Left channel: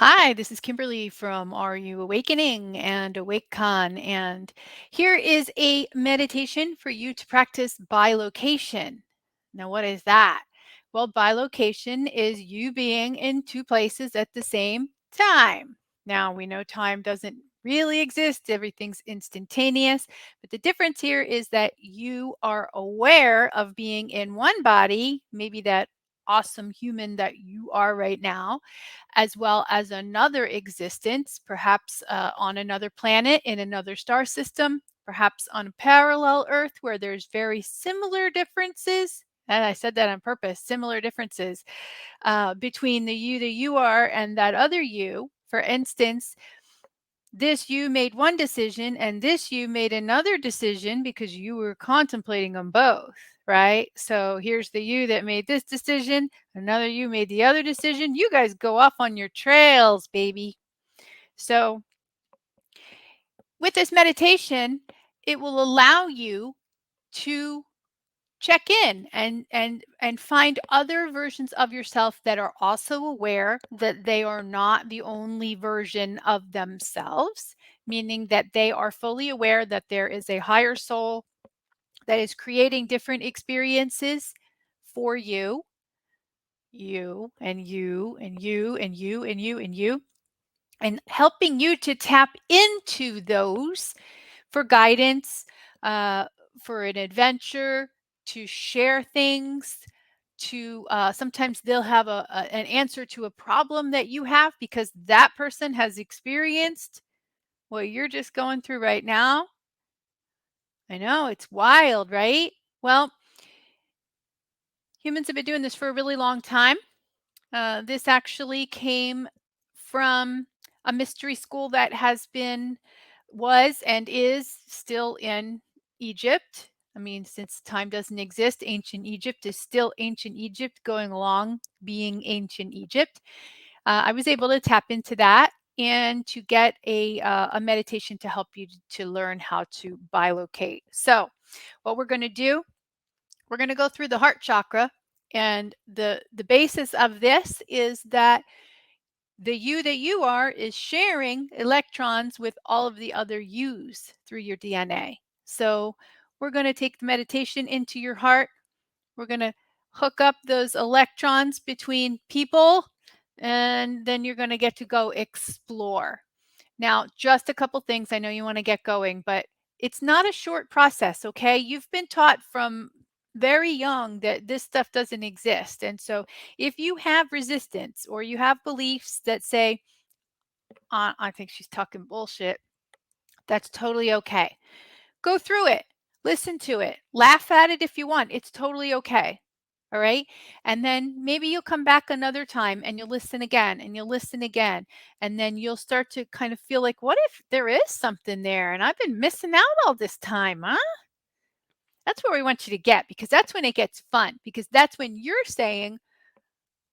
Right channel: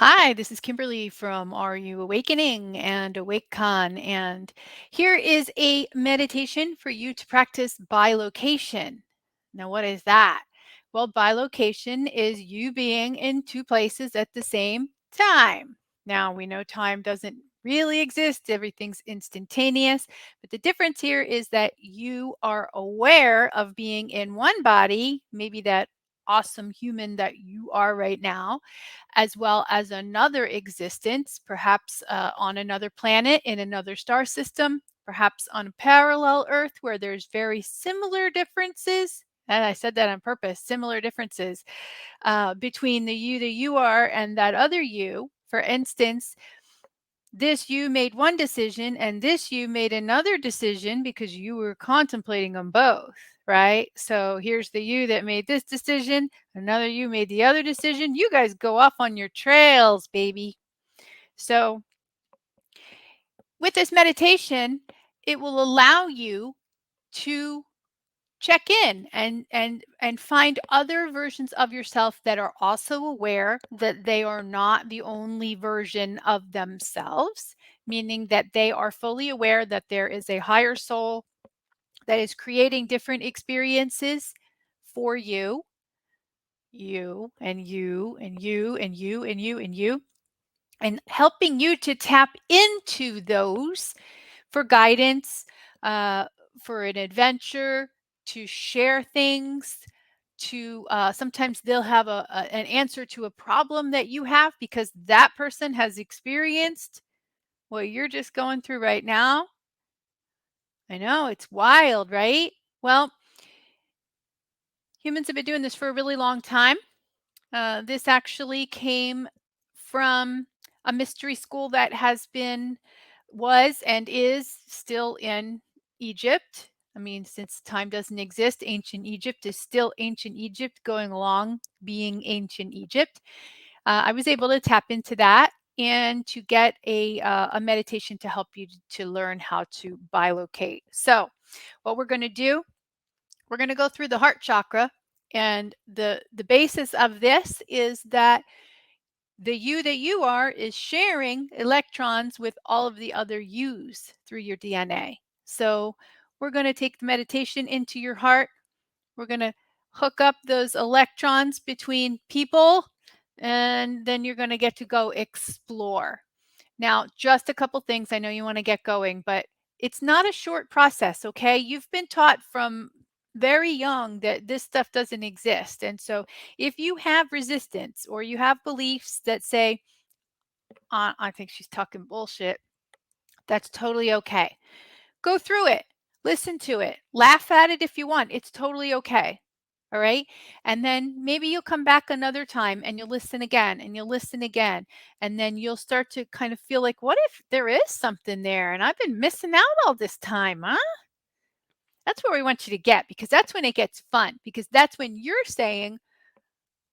Hi, this is Kimberly from Are You Awakening and AwakeCon. And here is a meditation for you to practice bilocation. Now, what is that? Well, bilocation is you being in two places at the same time. Now, we know time doesn't really exist, everything's instantaneous. But the difference here is that you are aware of being in one body, maybe that awesome human that you are right now, as well as another existence, perhaps on another planet in another star system, perhaps on a parallel Earth where there's very similar differences. And I said that on purpose, similar differences between the you are and that other you. For instance, this you made one decision and this you made another decision because you were contemplating them both, right? So here's the you that made this decision, another you made the other decision. You guys go off on your trails, baby. So with this meditation, it will allow you to check in and find other versions of yourself that are also aware that they are not the only version of themselves, meaning that they are fully aware that there is a higher soul that is creating different experiences for you, you and you and you and you and you and you, and helping you to tap into those for guidance, uh, for an adventure, to share things, to sometimes they'll have an answer to a problem that you have because that person has experienced what you're just going through right now. I know, it's wild, right? Well, humans have been doing this for a really long time. This actually came from a mystery school that was and is still in Egypt. I mean, since time doesn't exist, ancient Egypt is still ancient Egypt, going along being ancient Egypt. I was able to tap into that and to get a meditation to help you to learn how to bilocate. So, what we're going to do, we're going to go through the heart chakra, and the basis of this is that the you that you are is sharing electrons with all of the other yous through your DNA. So we're going to take the meditation into your heart. We're going to hook up those electrons between people, and then you're going to get to go explore. Now, just a couple things. I know you want to get going, but it's not a short process, okay? You've been taught from very young that this stuff doesn't exist. And so if you have resistance or you have beliefs that say, I think she's talking bullshit, that's totally okay. Go through it, listen to it, laugh at it if you want. It's totally okay. All right. And then maybe you'll come back another time and you'll listen again and you'll listen again. And then you'll start to kind of feel like, what if there is something there and I've been missing out all this time, huh? That's where we want you to get, because that's when it gets fun, because that's when you're saying,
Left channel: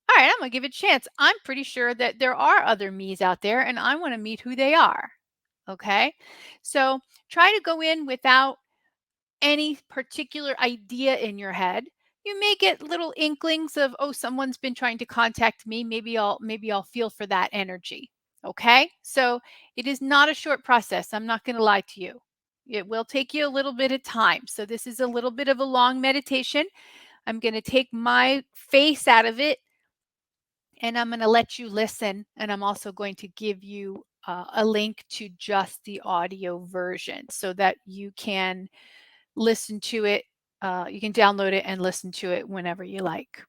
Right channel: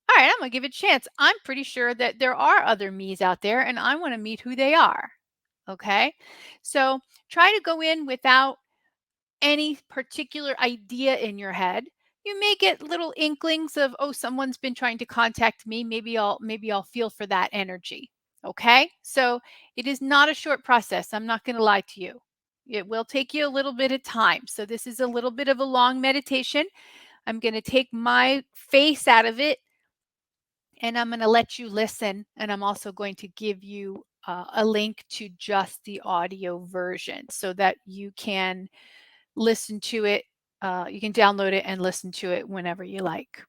all right, I'm going to give it a chance. I'm pretty sure that there are other me's out there and I want to meet who they are. Okay. So try to go in without any particular idea in your head. You may get little inklings of, oh, someone's been trying to contact me. Maybe I'll feel for that energy. Okay? So it is not a short process. I'm not going to lie to you. It will take you a little bit of time. So this is a little bit of a long meditation. I'm going to take my face out of it and I'm going to let you listen. And I'm also going to give you a link to just the audio version so that you can listen to it. You can download it and listen to it whenever you like.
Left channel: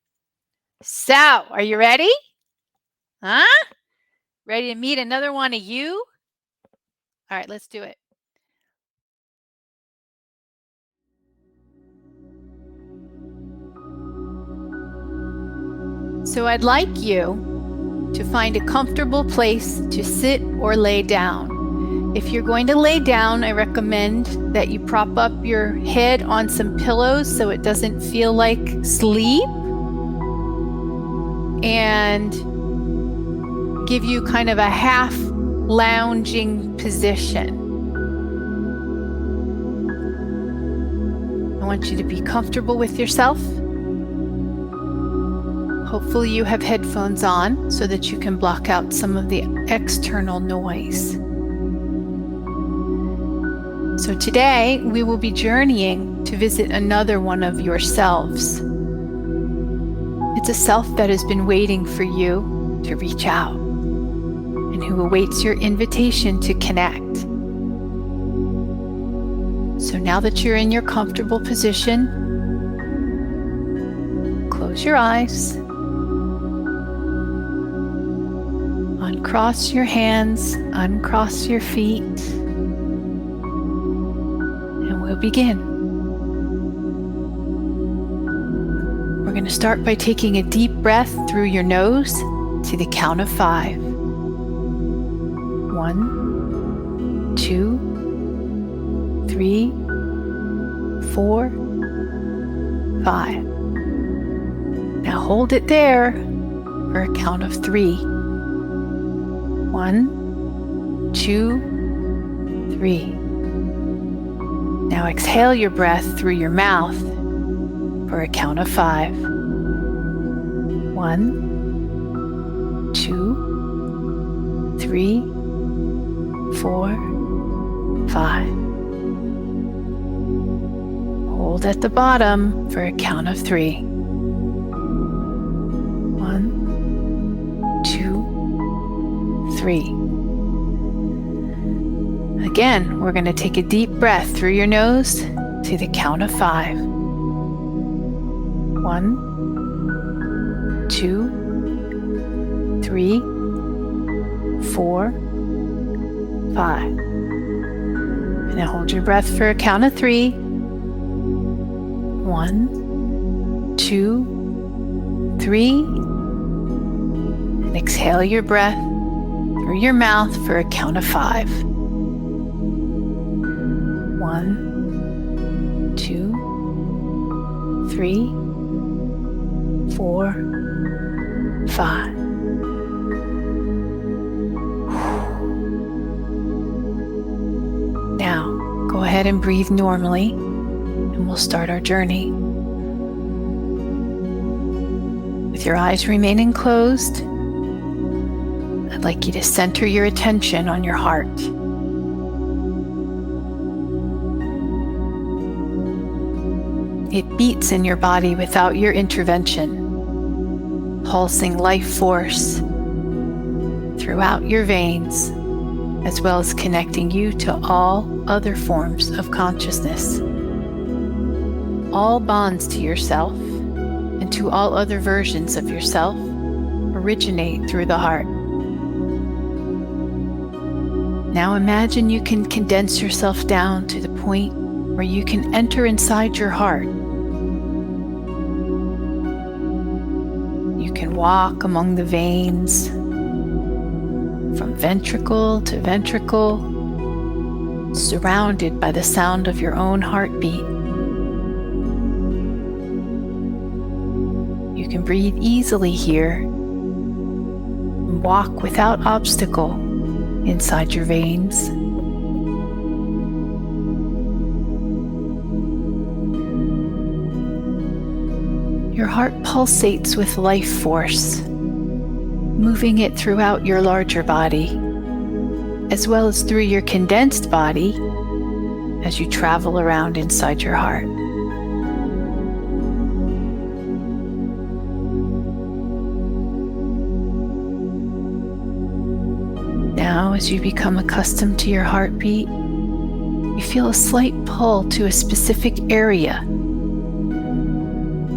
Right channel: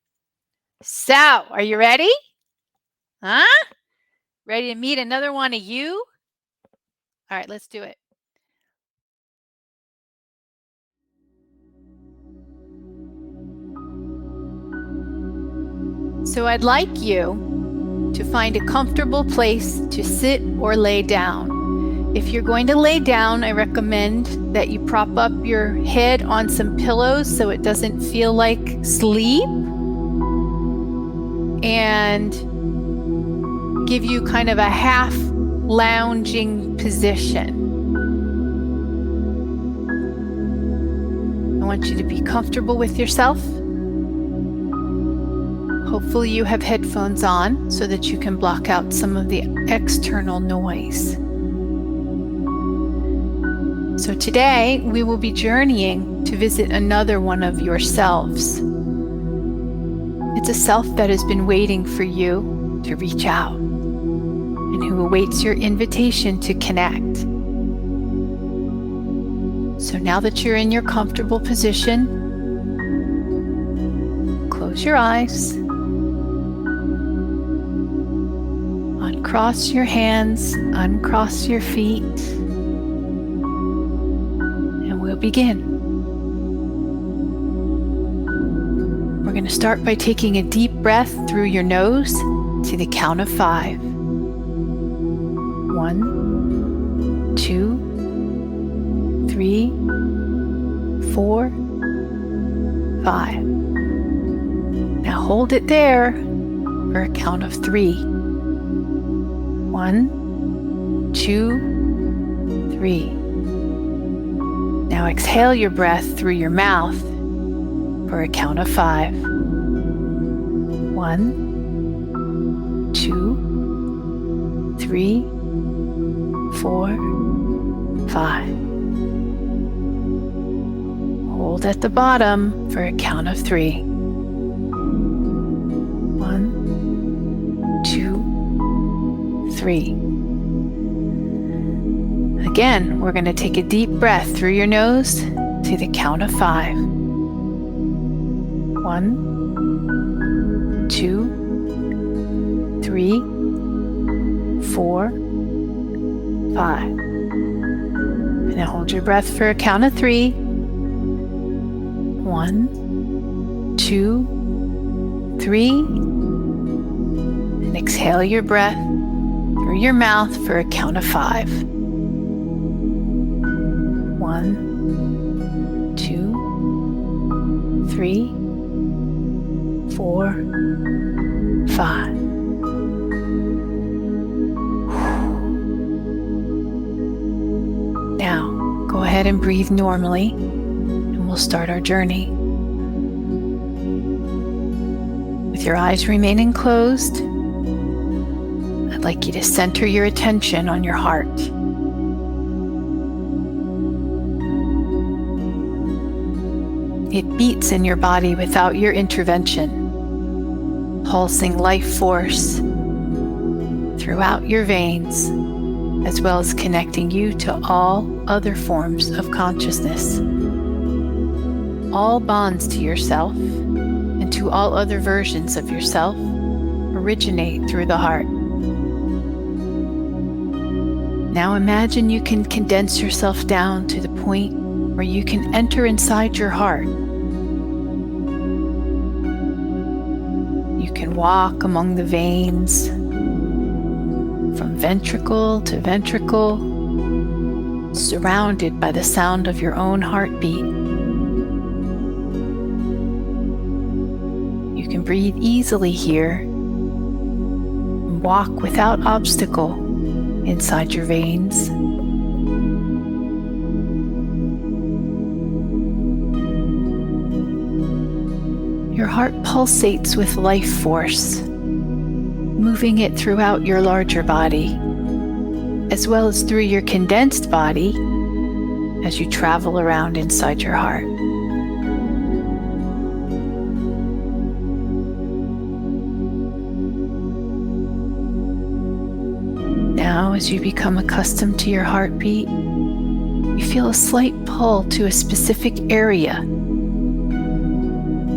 So, are you ready? Huh? Ready to meet another one of you? All right, let's do it. So, I'd like you to find a comfortable place to sit or lay down. If you're going to lay down, I recommend that you prop up your head on some pillows so it doesn't feel like sleep, and give you kind of a half lounging position. I want you to be comfortable with yourself. Hopefully you have headphones on so that you can block out some of the external noise. So today we will be journeying to visit another one of your selves. It's a self that has been waiting for you to reach out and who awaits your invitation to connect. So now that you're in your comfortable position, close your eyes, uncross your hands, uncross your feet, and we'll begin. We're going to start by taking a deep breath through your nose to the count of 5. 1, 2, 3, 4, 5. Now hold it there for a count of 3. 1, 2, 3. Now exhale your breath through your mouth for a count of 5. 1, 2, 3, 4, 5. Hold at the bottom for a count of 3. 1, 2, 3. Again, we're going to take a deep breath through your nose to the count of 5. 1, 2, 3, 4, 5. And now hold your breath for a count of 3. 1, 2, 3. And exhale your breath through your mouth for a count of 5. 1, 2, 3, 4, 5. Now, go ahead and breathe normally, and we'll start our journey. With your eyes remaining closed, I'd like you to center your attention on your heart. It beats in your body without your intervention, pulsing life force throughout your veins, as well as connecting you to all other forms of consciousness. All bonds to yourself and to all other versions of yourself originate through the heart. Now imagine you can condense yourself down to the point where you can enter inside your heart. You can walk among the veins, from ventricle to ventricle, surrounded by the sound of your own heartbeat. You can breathe easily here and walk without obstacle inside your veins. Your heart pulsates with life force, moving it throughout your larger body, as well as through your condensed body as you travel around inside your heart. Now, as you become accustomed to your heartbeat, you feel a slight pull to a specific area.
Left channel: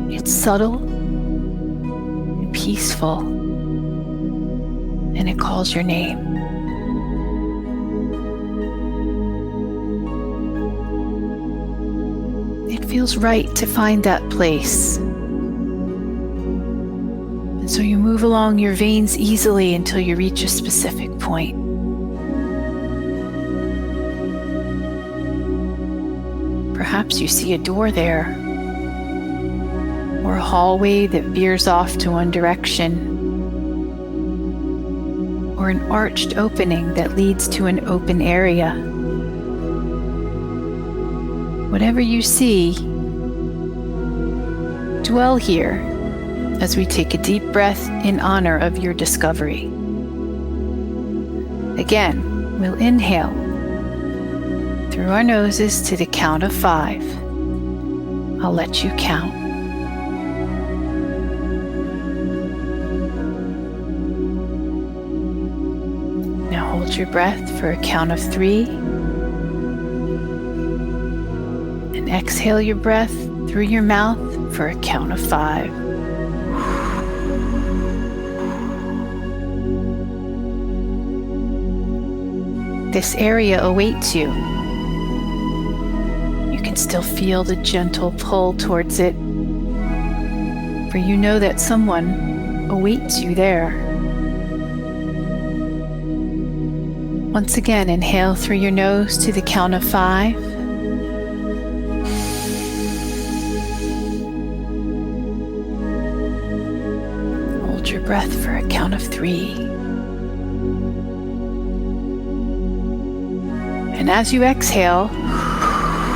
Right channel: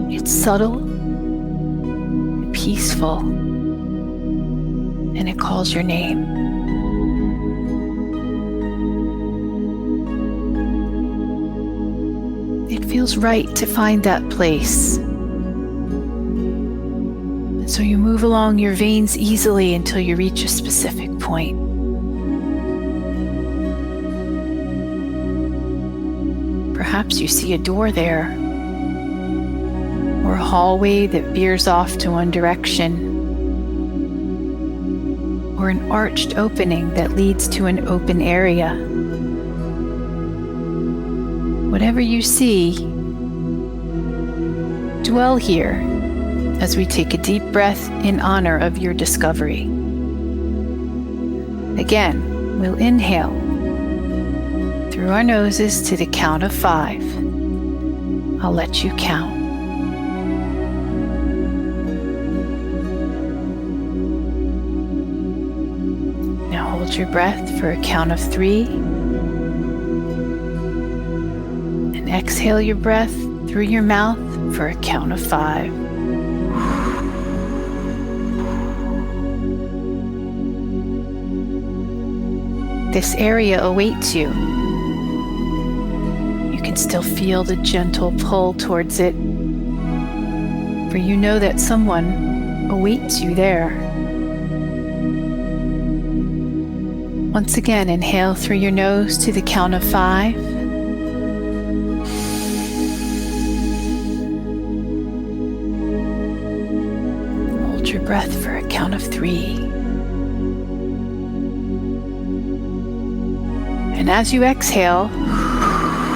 It's subtle and peaceful, and it calls your name. It feels right to find that place. And so you move along your veins easily until you reach a specific point. Perhaps you see a door there, or a hallway that veers off to one direction, or an arched opening that leads to an open area. Whatever you see, dwell here as we take a deep breath in honor of your discovery. Again, we'll inhale through our noses to the count of 5. I'll let you count. Now hold your breath for a count of 3. And exhale your breath through your mouth for a count of 5. This area awaits you. You can still feel the gentle pull towards it, for you know that someone awaits you there. Once again, inhale through your nose to the count of 5. Hold your breath for a count of 3. And as you exhale,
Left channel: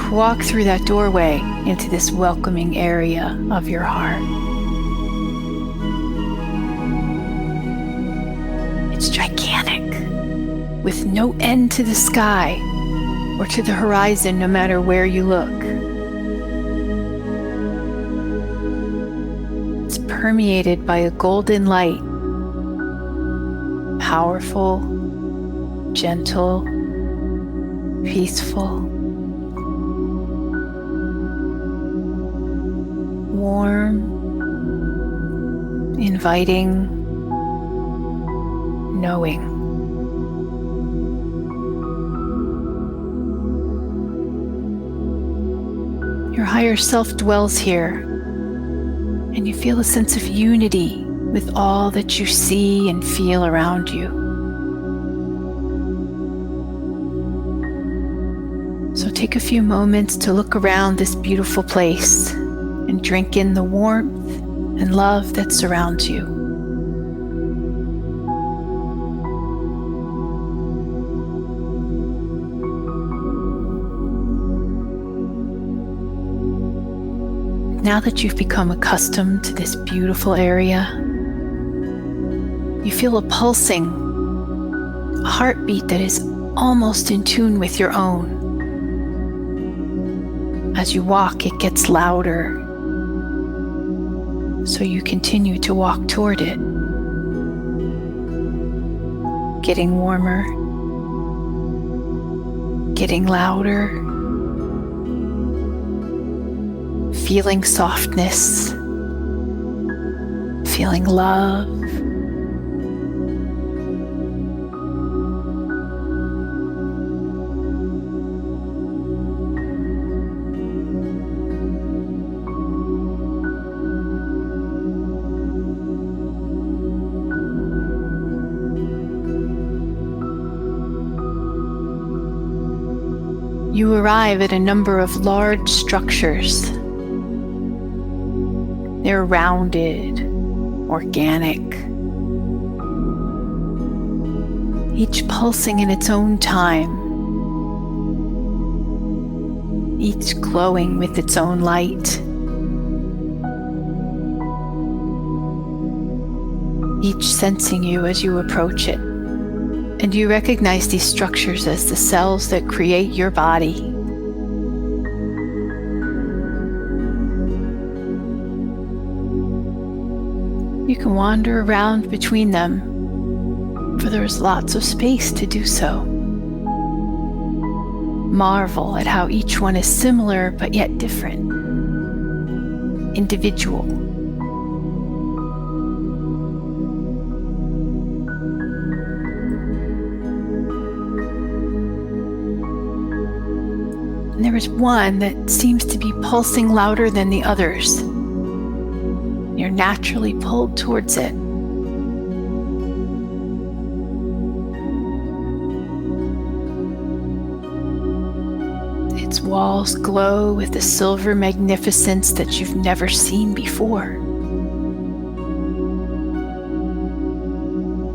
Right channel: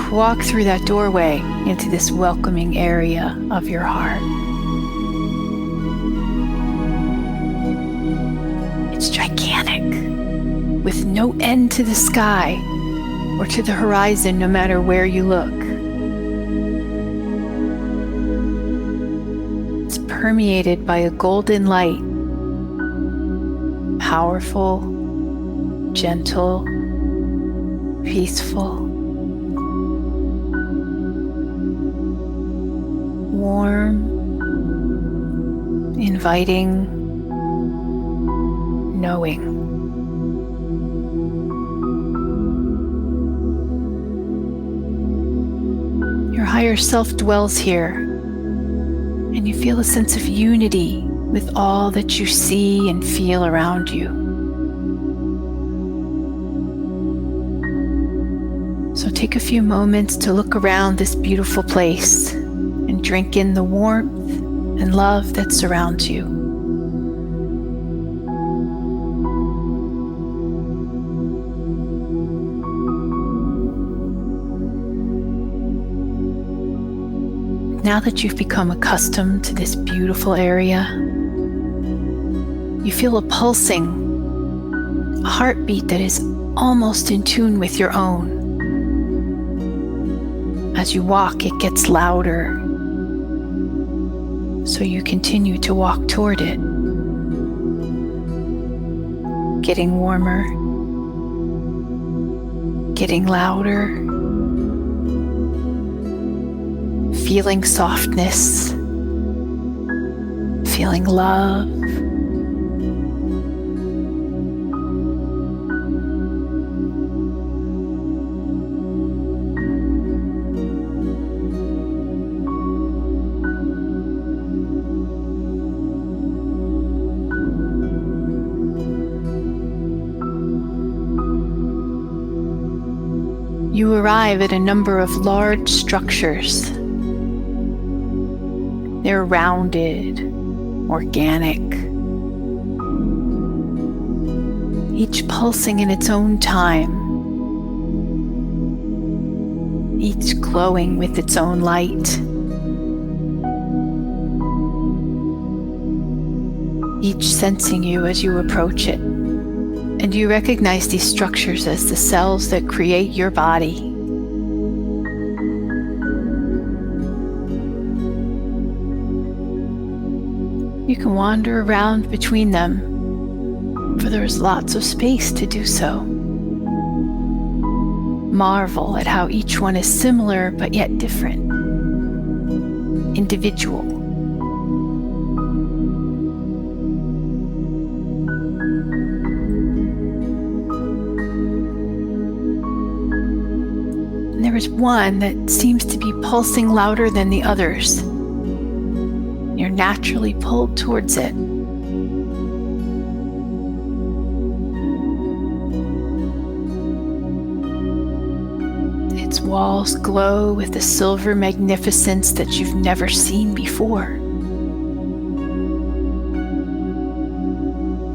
walk through that doorway into this welcoming area of your heart. It's gigantic, with no end to the sky or to the horizon, no matter where you look. It's permeated by a golden light, powerful, gentle, peaceful, warm, inviting, knowing. Your higher self dwells here, and you feel a sense of unity with all that you see and feel around you. So take a few moments to look around this beautiful place and drink in the warmth and love that surrounds you. Now that you've become accustomed to this beautiful area, you feel a pulsing, a heartbeat that is almost in tune with your own. As you walk, it gets louder, so you continue to walk toward it, getting warmer, getting louder, feeling softness, feeling love. You arrive at a number of large structures. They're rounded, organic, each pulsing in its own time, each glowing with its own light, each sensing you as you approach it. And you recognize these structures as the cells that create your body. You can wander around between them, for there is lots of space to do so. Marvel at how each one is similar but yet different, individual. And there is one that seems to be pulsing louder than the others. You're naturally pulled towards it. Its walls glow with a silver magnificence that you've never seen before.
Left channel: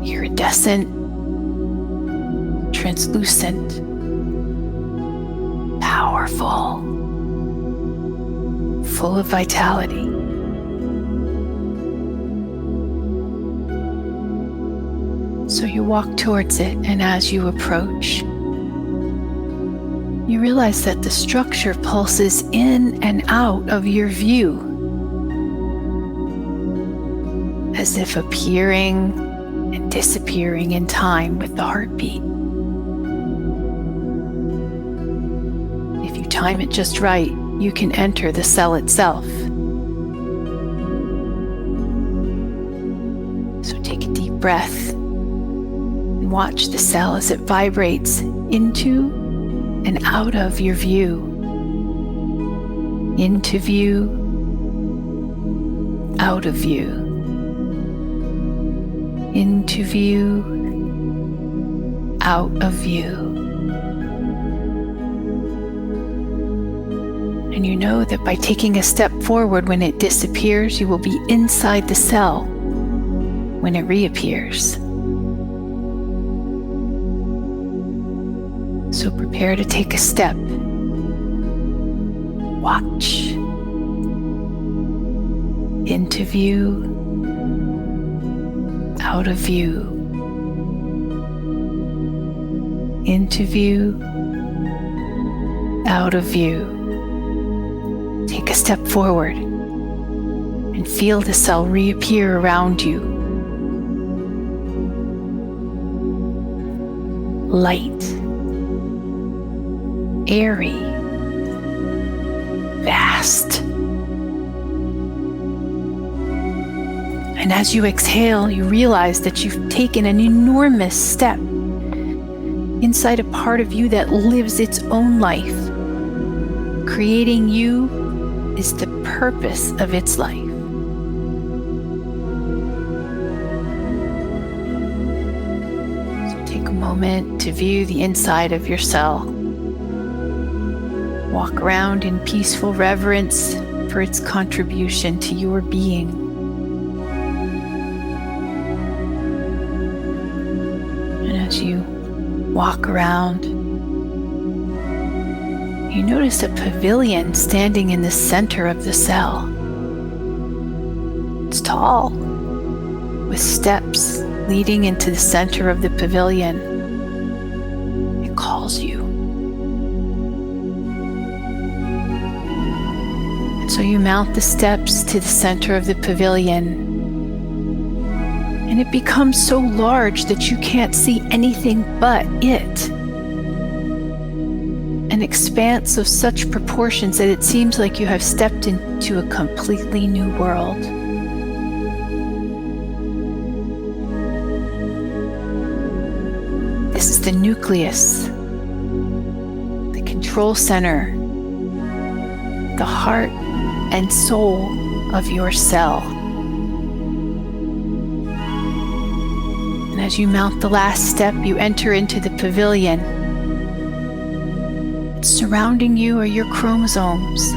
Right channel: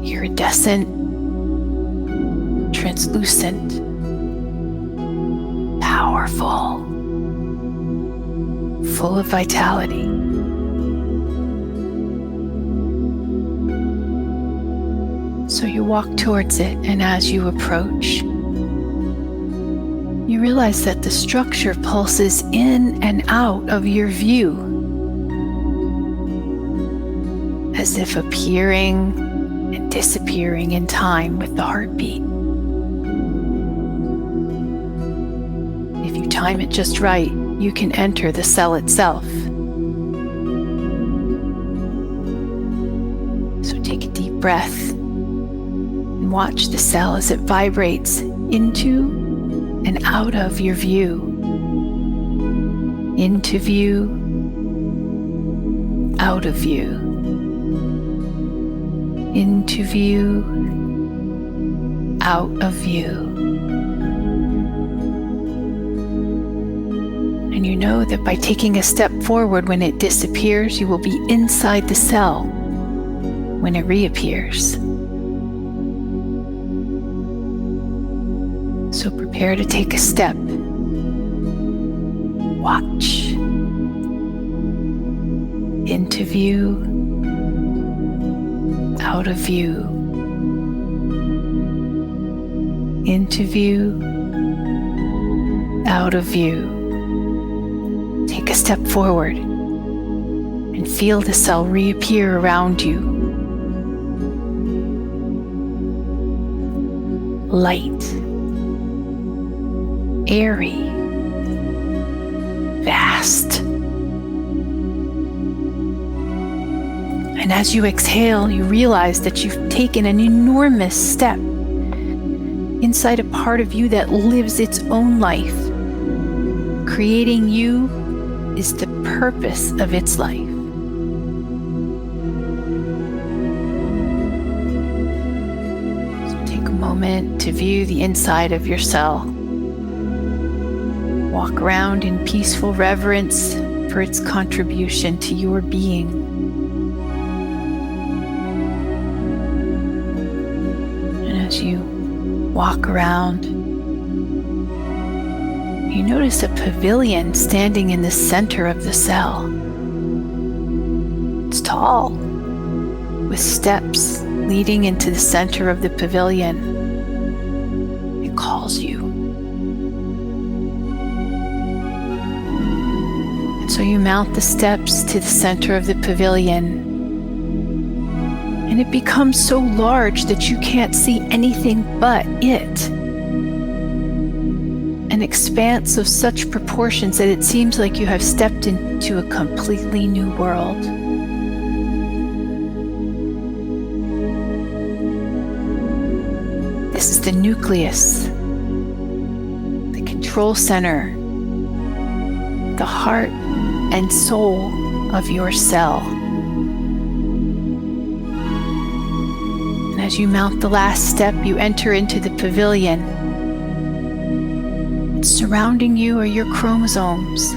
Iridescent, translucent, powerful, full of vitality. So you walk towards it, and as you approach, you realize that the structure pulses in and out of your view, as if appearing and disappearing in time with the heartbeat. If you time it just right, you can enter the cell itself. So take a deep breath and watch the cell as it vibrates into and out of your view. Into view, out of view. Into view, out of view. And you know that by taking a step forward when it disappears, you will be inside the cell when it reappears. So prepare to take a step. Watch. Into view, out of view. Into view, out of view. Take a step forward and feel the cell reappear around you. Light. Airy, vast. And as you exhale, you realize that you've taken an enormous step inside a part of you that lives its own life. Creating you is the purpose of its life. So take a moment to view the inside of your cell. Walk around in peaceful reverence for its contribution to your being. And as you walk around, you notice a pavilion standing in the center of the cell. It's tall, with steps leading into the center of the pavilion. It calls you. So you mount the steps to the center of the pavilion, and it becomes so large that you can't see anything but it. An expanse of such proportions that it seems like you have stepped into a completely new world. This is the nucleus, the control center, the heart and soul of your cell. And as you mount the last step, you enter into the pavilion. And surrounding you are your chromosomes.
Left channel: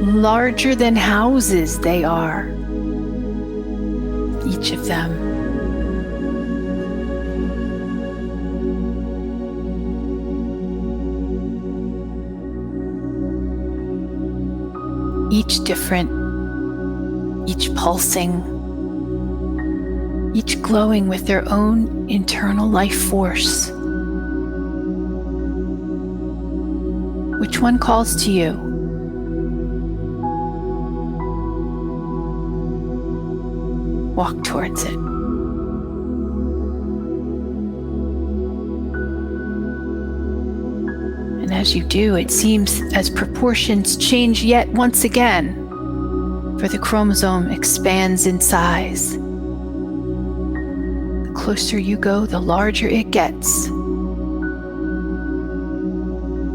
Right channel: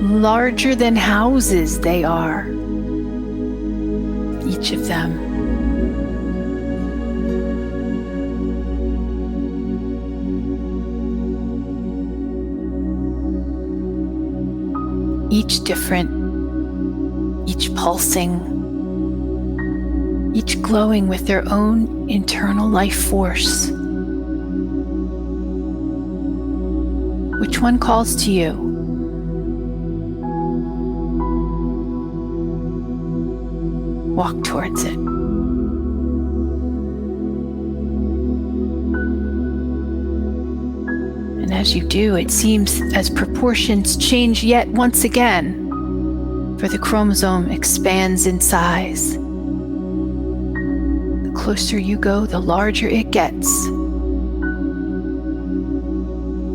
Larger than houses they are, each of them. Each different, each pulsing, each glowing with their own internal life force. Which one calls to you? Walk towards it. And as you do, it seems as proportions change yet once again, for the chromosome expands in size. The closer you go, the larger it gets.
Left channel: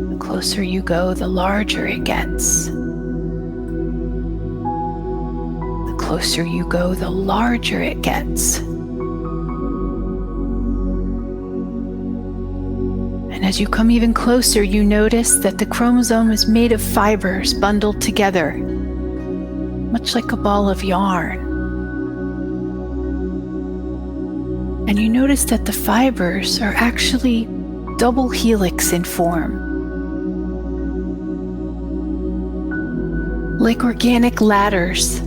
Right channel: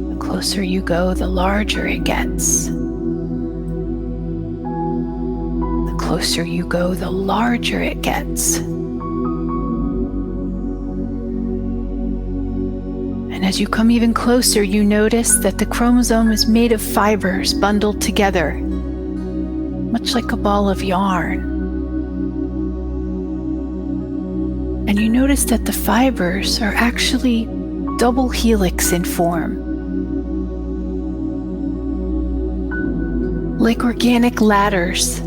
The closer you go, the larger it gets. The closer you go, the larger it gets. And as you come even closer, you notice that the chromosome is made of fibers bundled together, much like a ball of yarn. And you notice that the fibers are actually double helix in form, like organic ladders.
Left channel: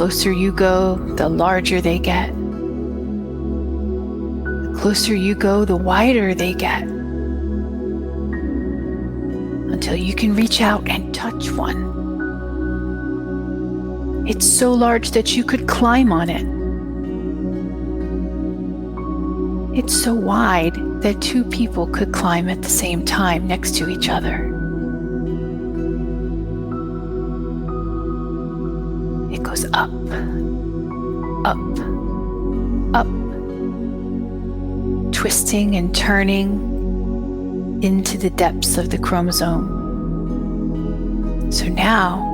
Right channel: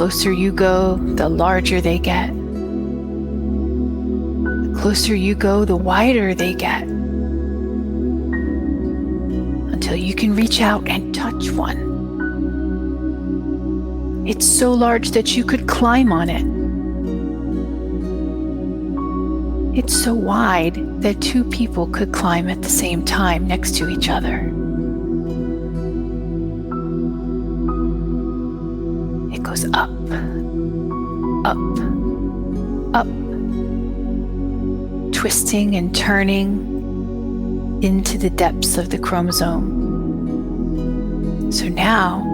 closer you go, the larger they get. The closer you go, the wider they get, until you can reach out and touch one. It's so large that you could climb on it. It's so wide that two people could climb at the same time next to each other. It goes up, up, up, twisting and turning into the depths of the chromosome. So now,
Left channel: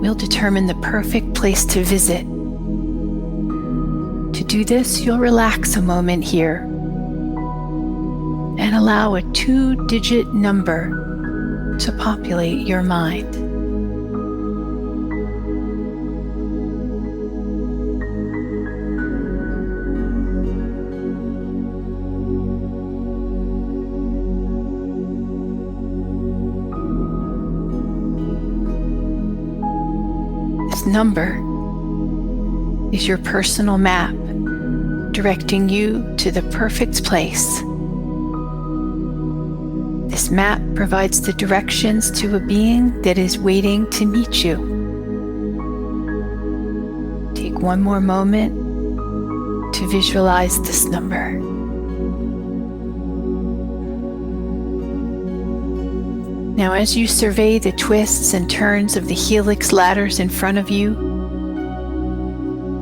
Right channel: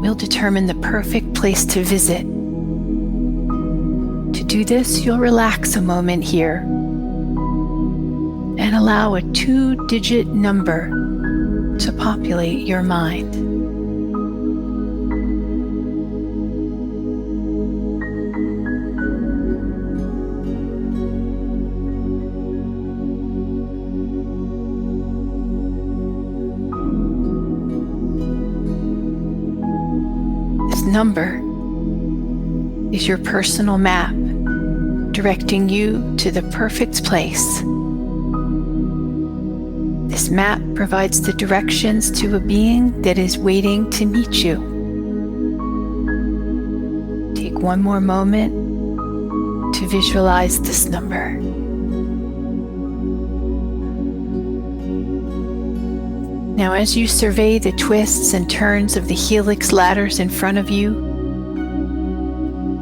we'll determine the perfect place to visit. To do this, you'll relax a moment here and allow a 2-digit number to populate your mind. This number is your personal map, directing you to the perfect place. This map provides the directions to a being that is waiting to meet you. Take one more moment to visualize this number. Now, as you survey the twists and turns of the helix ladders in front of you,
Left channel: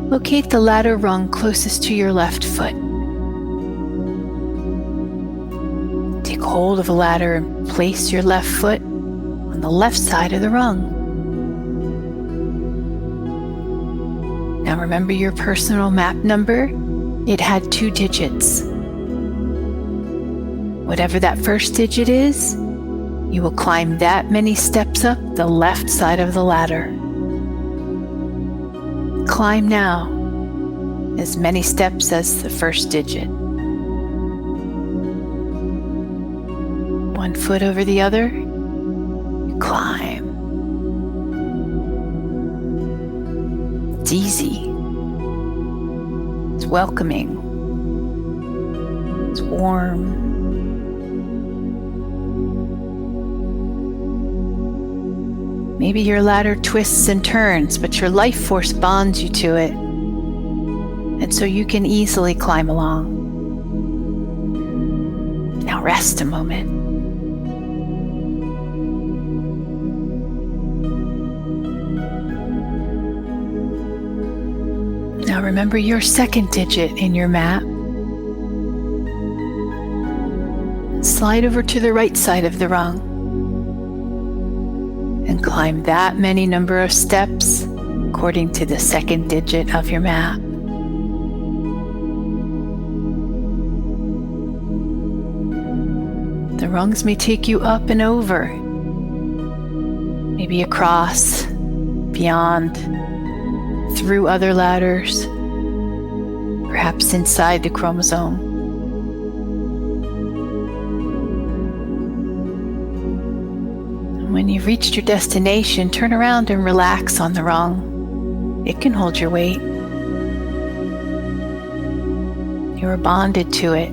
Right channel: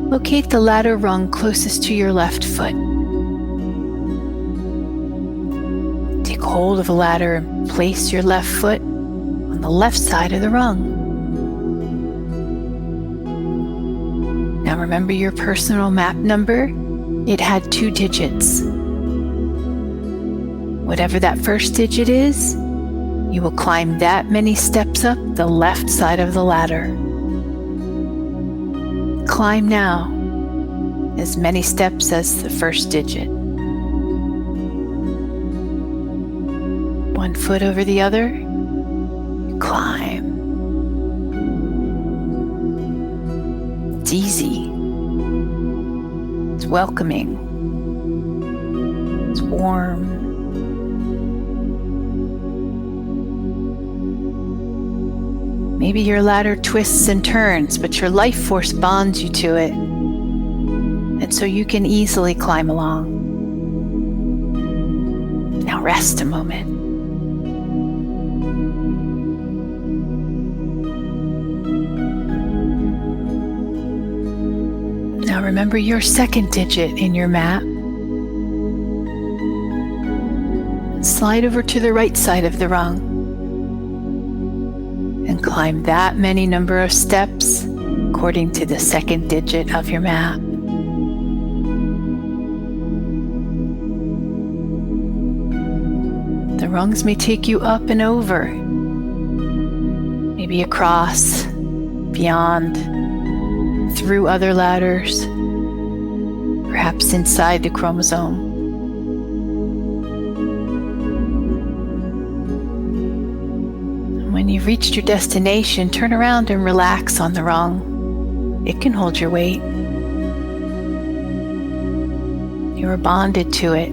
locate the ladder rung closest to your left foot. Take hold of a ladder and place your left foot on the left side of the rung. Now remember your personal map number. It had 2 digits. Whatever that first digit is, you will climb that many steps up the left side of the ladder. Climb now, as many steps as the first digit. 1 foot over the other, you climb. It's easy. It's welcoming. It's warm. Maybe your ladder twists and turns, but your life force bonds you to it, and so you can easily climb along. Now rest a moment. Now remember your second digit in your map. Slide over to the right side of the rung and climb that many number of steps according to the second digit of your map. The rungs may take you up and over, maybe across, beyond, through other ladders, perhaps inside the chromosome. When you've reached your destination, turn around and relax on the rung. It can hold your weight. You are bonded to it.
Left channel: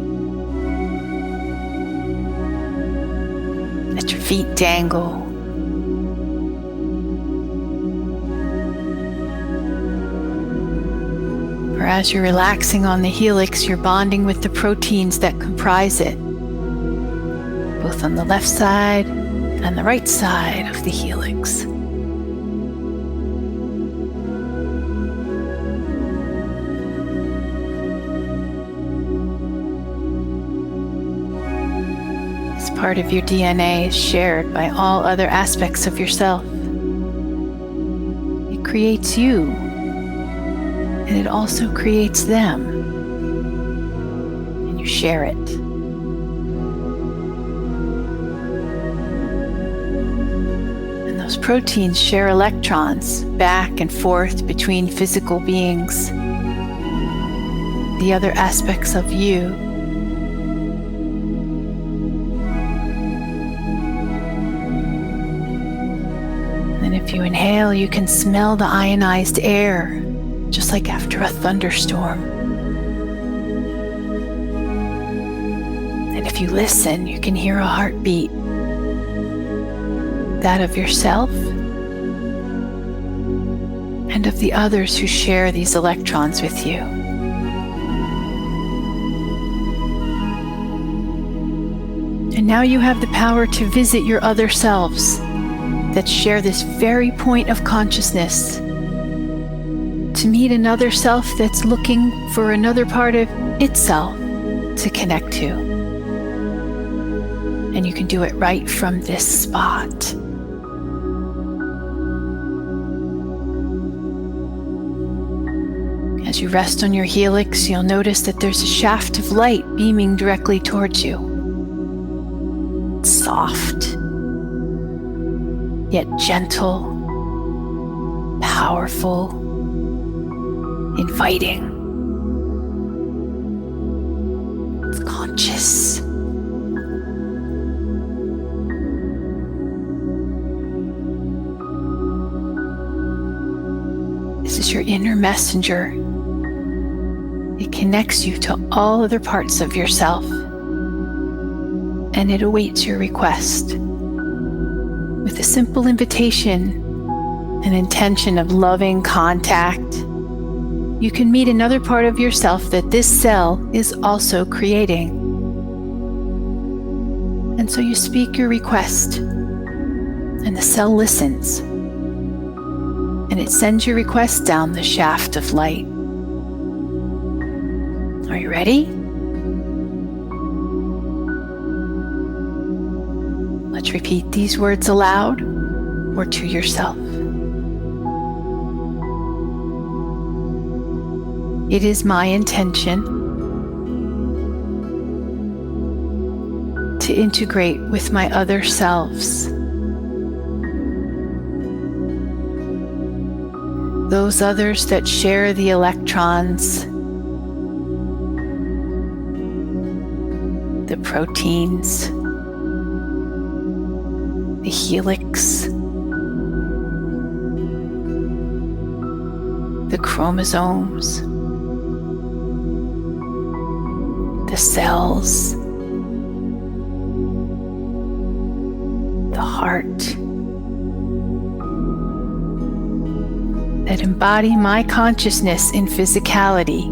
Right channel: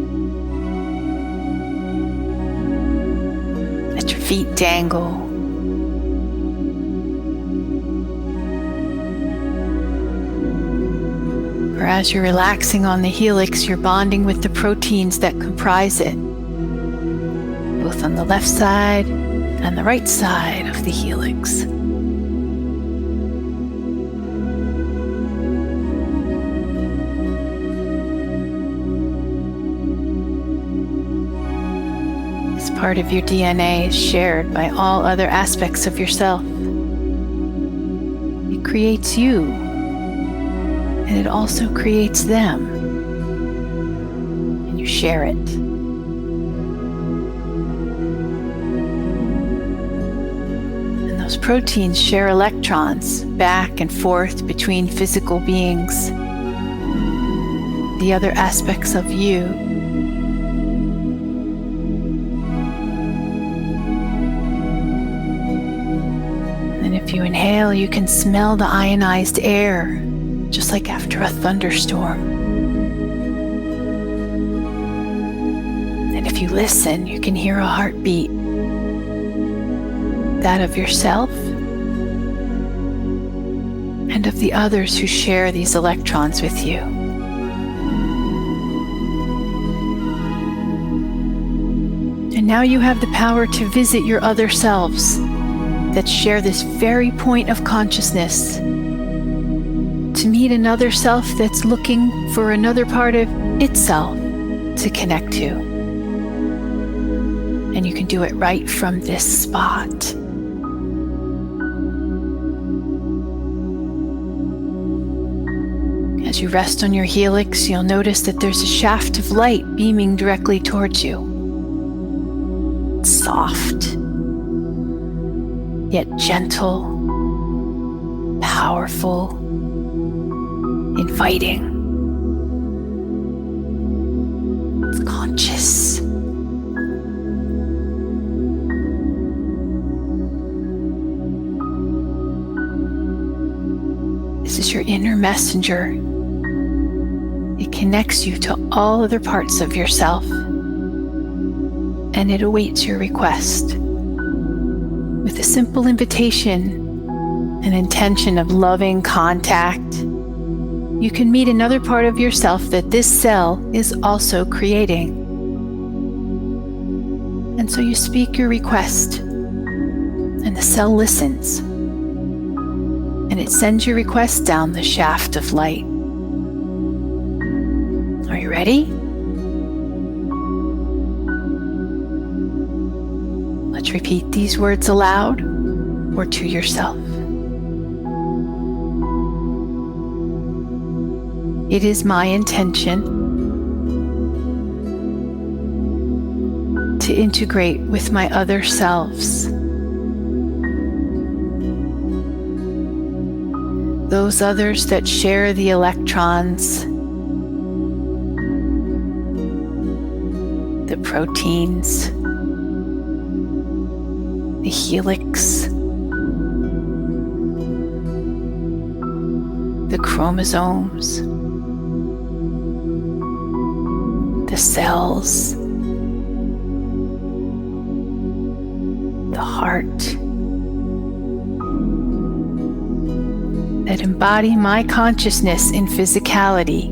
Let your feet dangle. Or as you're relaxing on the helix, you're bonding with the proteins that comprise it, both on the left side and the right side of the helix. This part of your DNA is shared by all other aspects of yourself. It creates you, and it also creates them, and you share it. Those proteins share electrons back and forth between physical beings, the other aspects of you. And And if you inhale, you can smell the ionized air, just like after a thunderstorm. And if you listen, you can hear a heartbeat, that of yourself and of the others who share these electrons with you. And now you have the power to visit your other selves that share this very point of consciousness, to meet another self that's looking for another part of itself to connect to. And you can do it right from this spot. As you rest on your helix, you'll notice that there's a shaft of light beaming directly towards you. It's soft, yet gentle, powerful, inviting. It's conscious. This is your inner messenger. It connects you to all other parts of yourself, and it awaits your request with a simple invitation, an intention of loving contact. You can meet another part of yourself that this cell is also creating. And so you speak your request, and the cell listens, and it sends your request down the shaft of light. Are you ready? Let's repeat these words aloud or to yourself. It is my intention to integrate with my other selves, those others that share the electrons, the proteins, the helix, the chromosomes, the cells, the heart, that embody my consciousness in physicality,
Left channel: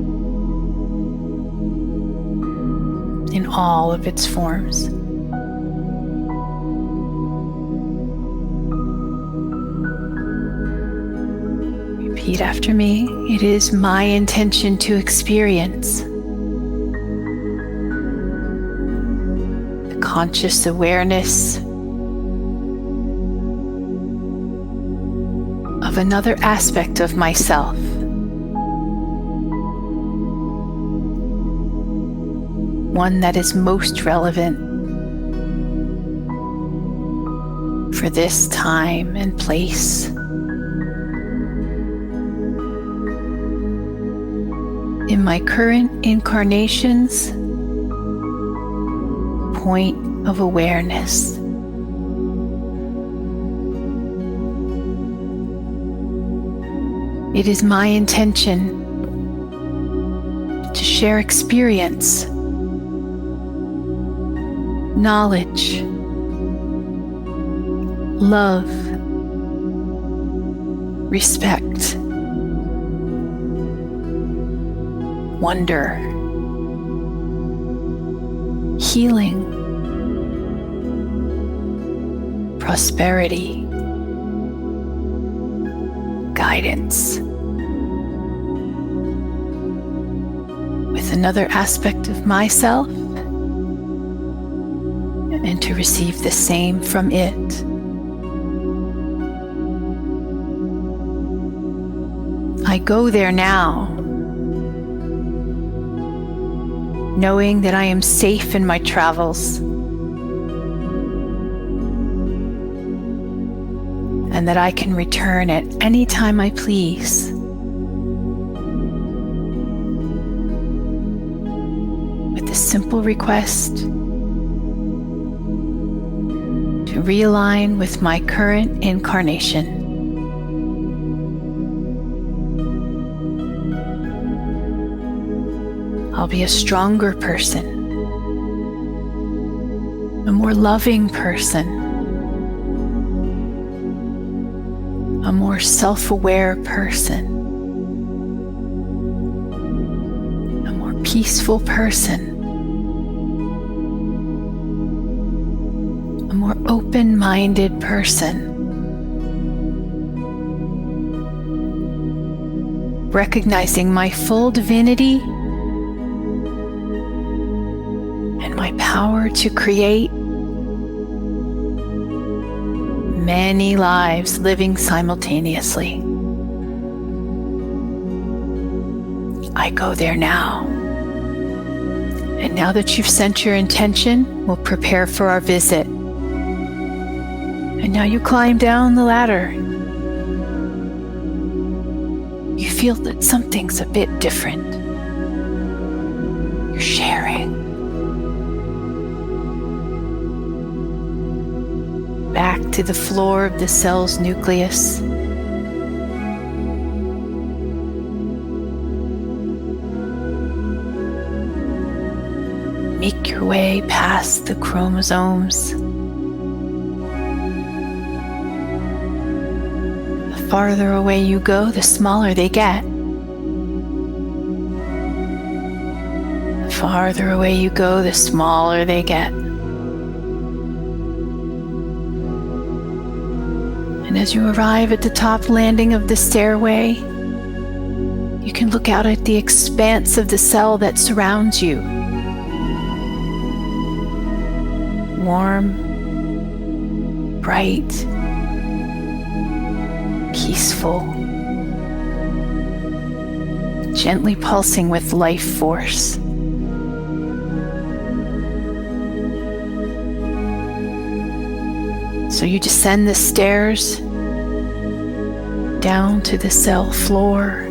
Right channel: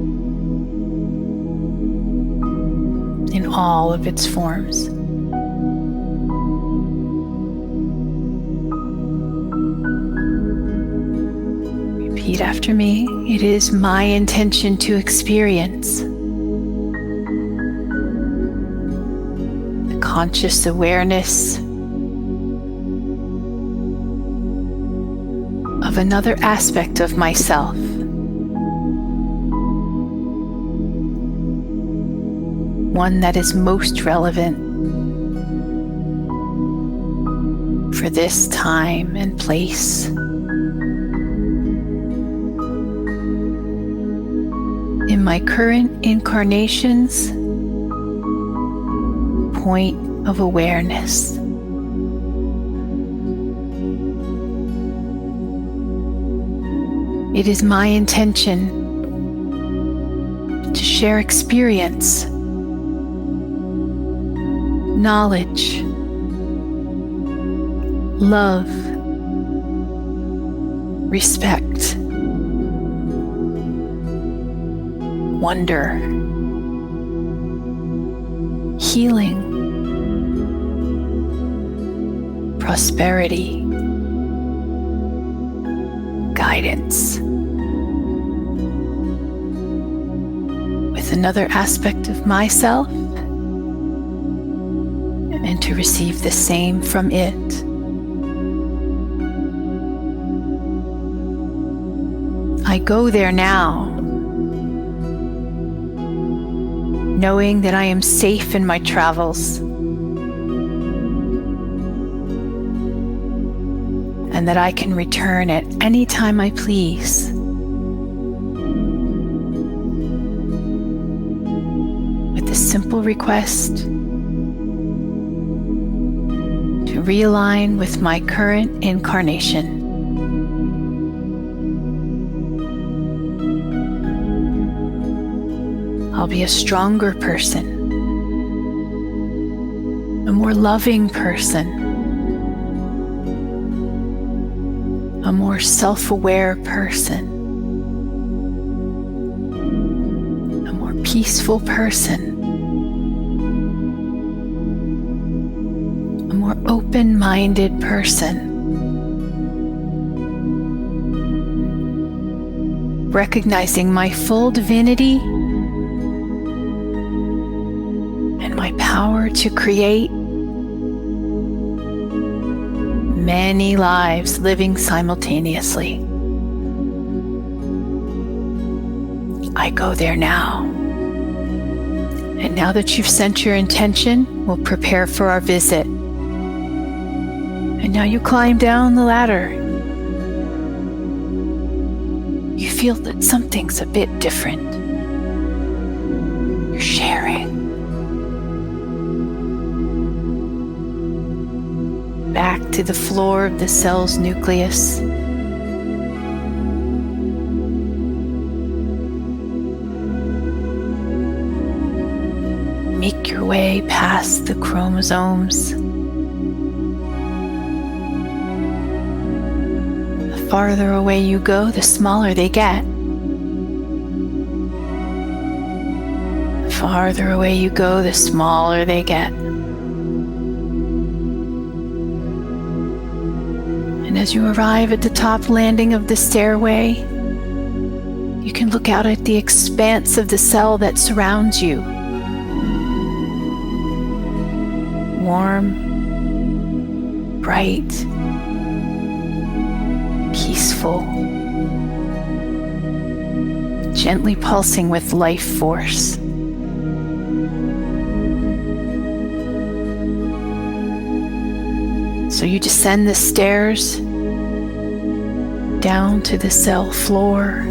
in all of its forms. Repeat after me. It is my intention to experience the conscious awareness of another aspect of myself, one that is most relevant for this time and place. In my current incarnation's point of awareness. It is my intention to share experience, knowledge, love, respect, wonder, healing, prosperity, guidance, with another aspect of myself, and to receive the same from it. I go there now, knowing that I am safe in my travels, and that I can return at any time I please. With a simple request to realign with my current incarnation. I'll be a stronger person, a more loving person, a more self-aware person, a more peaceful person, a more open-minded person, recognizing my full divinity and my power to create many lives living simultaneously. I go there now. And now that you've sent your intention, we'll prepare for our visit. And now you climb down the ladder. You feel that something's a bit different. You're sharing. Back to the floor of the cell's nucleus. Make your way past the chromosomes. The farther away you go, the smaller they get. The farther away you go, the smaller they get. And as you arrive at the top landing of the stairway, you can look out at the expanse of the cell that surrounds you. Warm, bright, peaceful, gently pulsing with life force. So you descend the stairs down to the cell floor.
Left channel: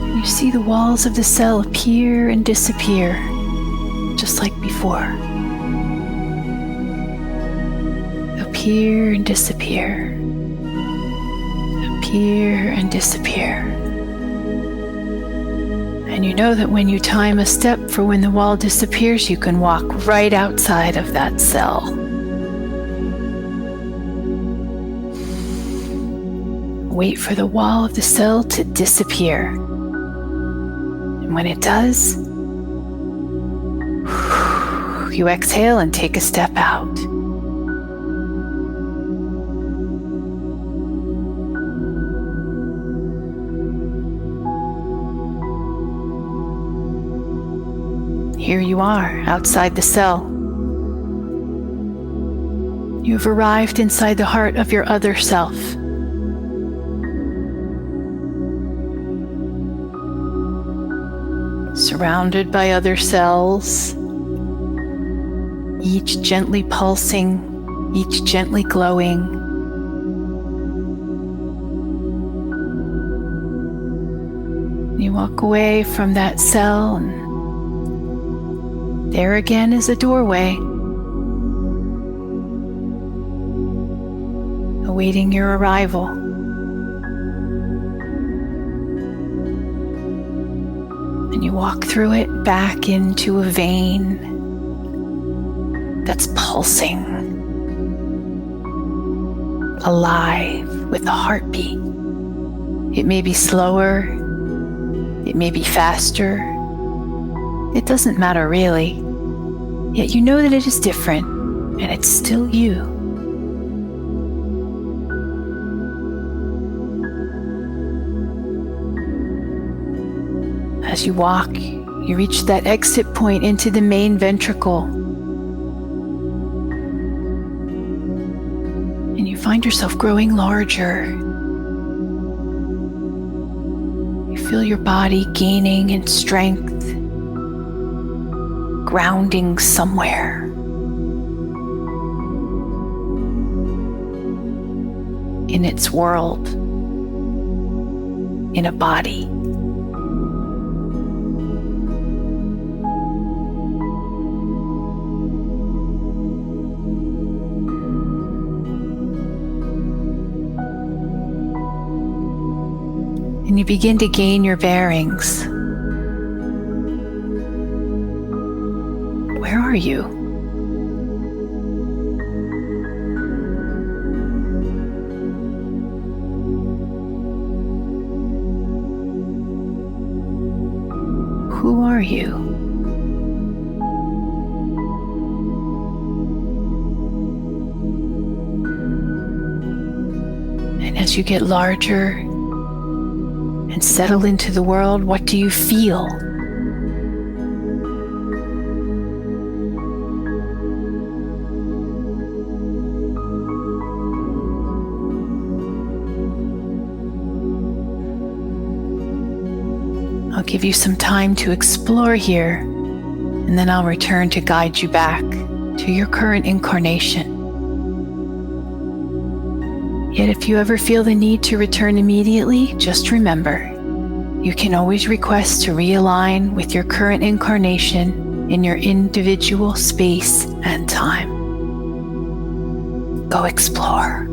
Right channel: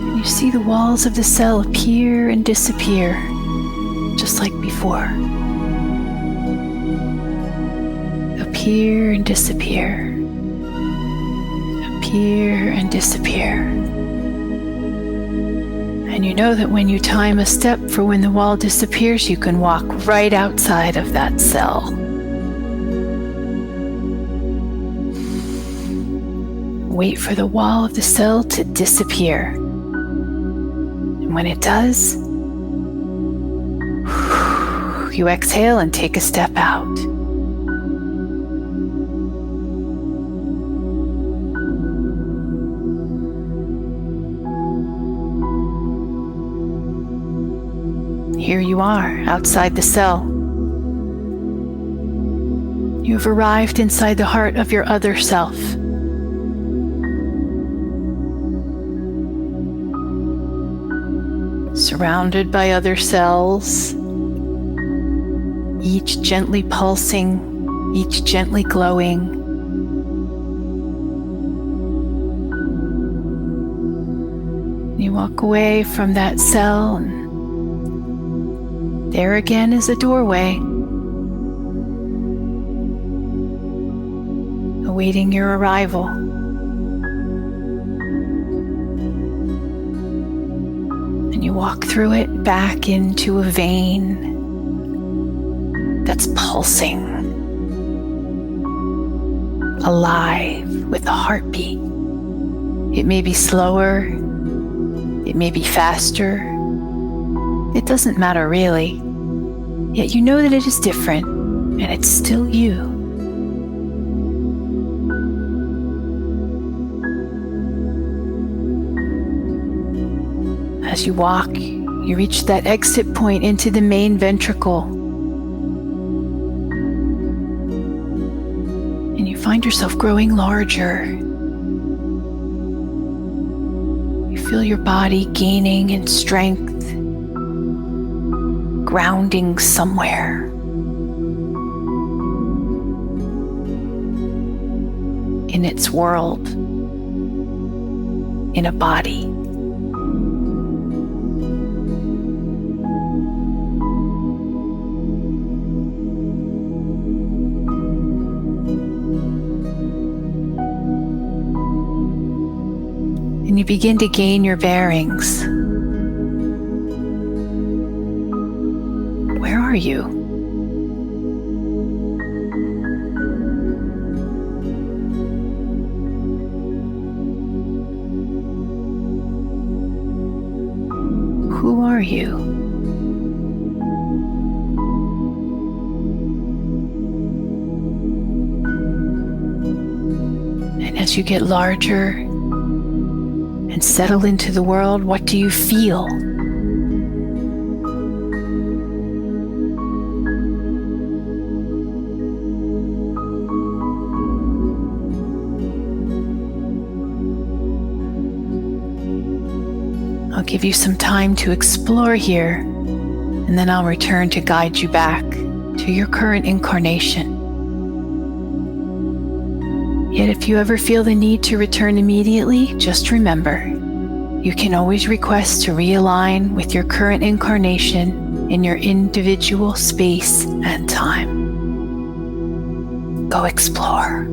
And you see the walls of the cell appear and disappear, just like before. Appear and disappear. Appear and disappear. And you know that when you time a step for when the wall disappears, you can walk right outside of that cell. Wait for the wall of the cell to disappear. And when it does, you exhale and take a step out. Here you are, outside the cell. You've arrived inside the heart of your other self. Surrounded by other cells, each gently pulsing, each gently glowing. You walk away from that cell, and there again is a doorway, awaiting your arrival. And you walk through it back into a vein that's pulsing, alive with a heartbeat. It may be slower, it may be faster. It doesn't matter really, yet you know that it is different, and it's still you. As you walk, you reach that exit point into the main ventricle, and you find yourself growing larger. You feel your body gaining in strength, grounding somewhere. In its world, in a body. and you begin to gain your bearings. Where are you? Who are you? And as you get larger and settle into the world, what do you feel? I'll give you some time to explore here, and then I'll return to guide you back to your current incarnation. Yet if you ever feel the need to return immediately, just remember, you can always request to realign with your current incarnation in your individual space and time. Go explore.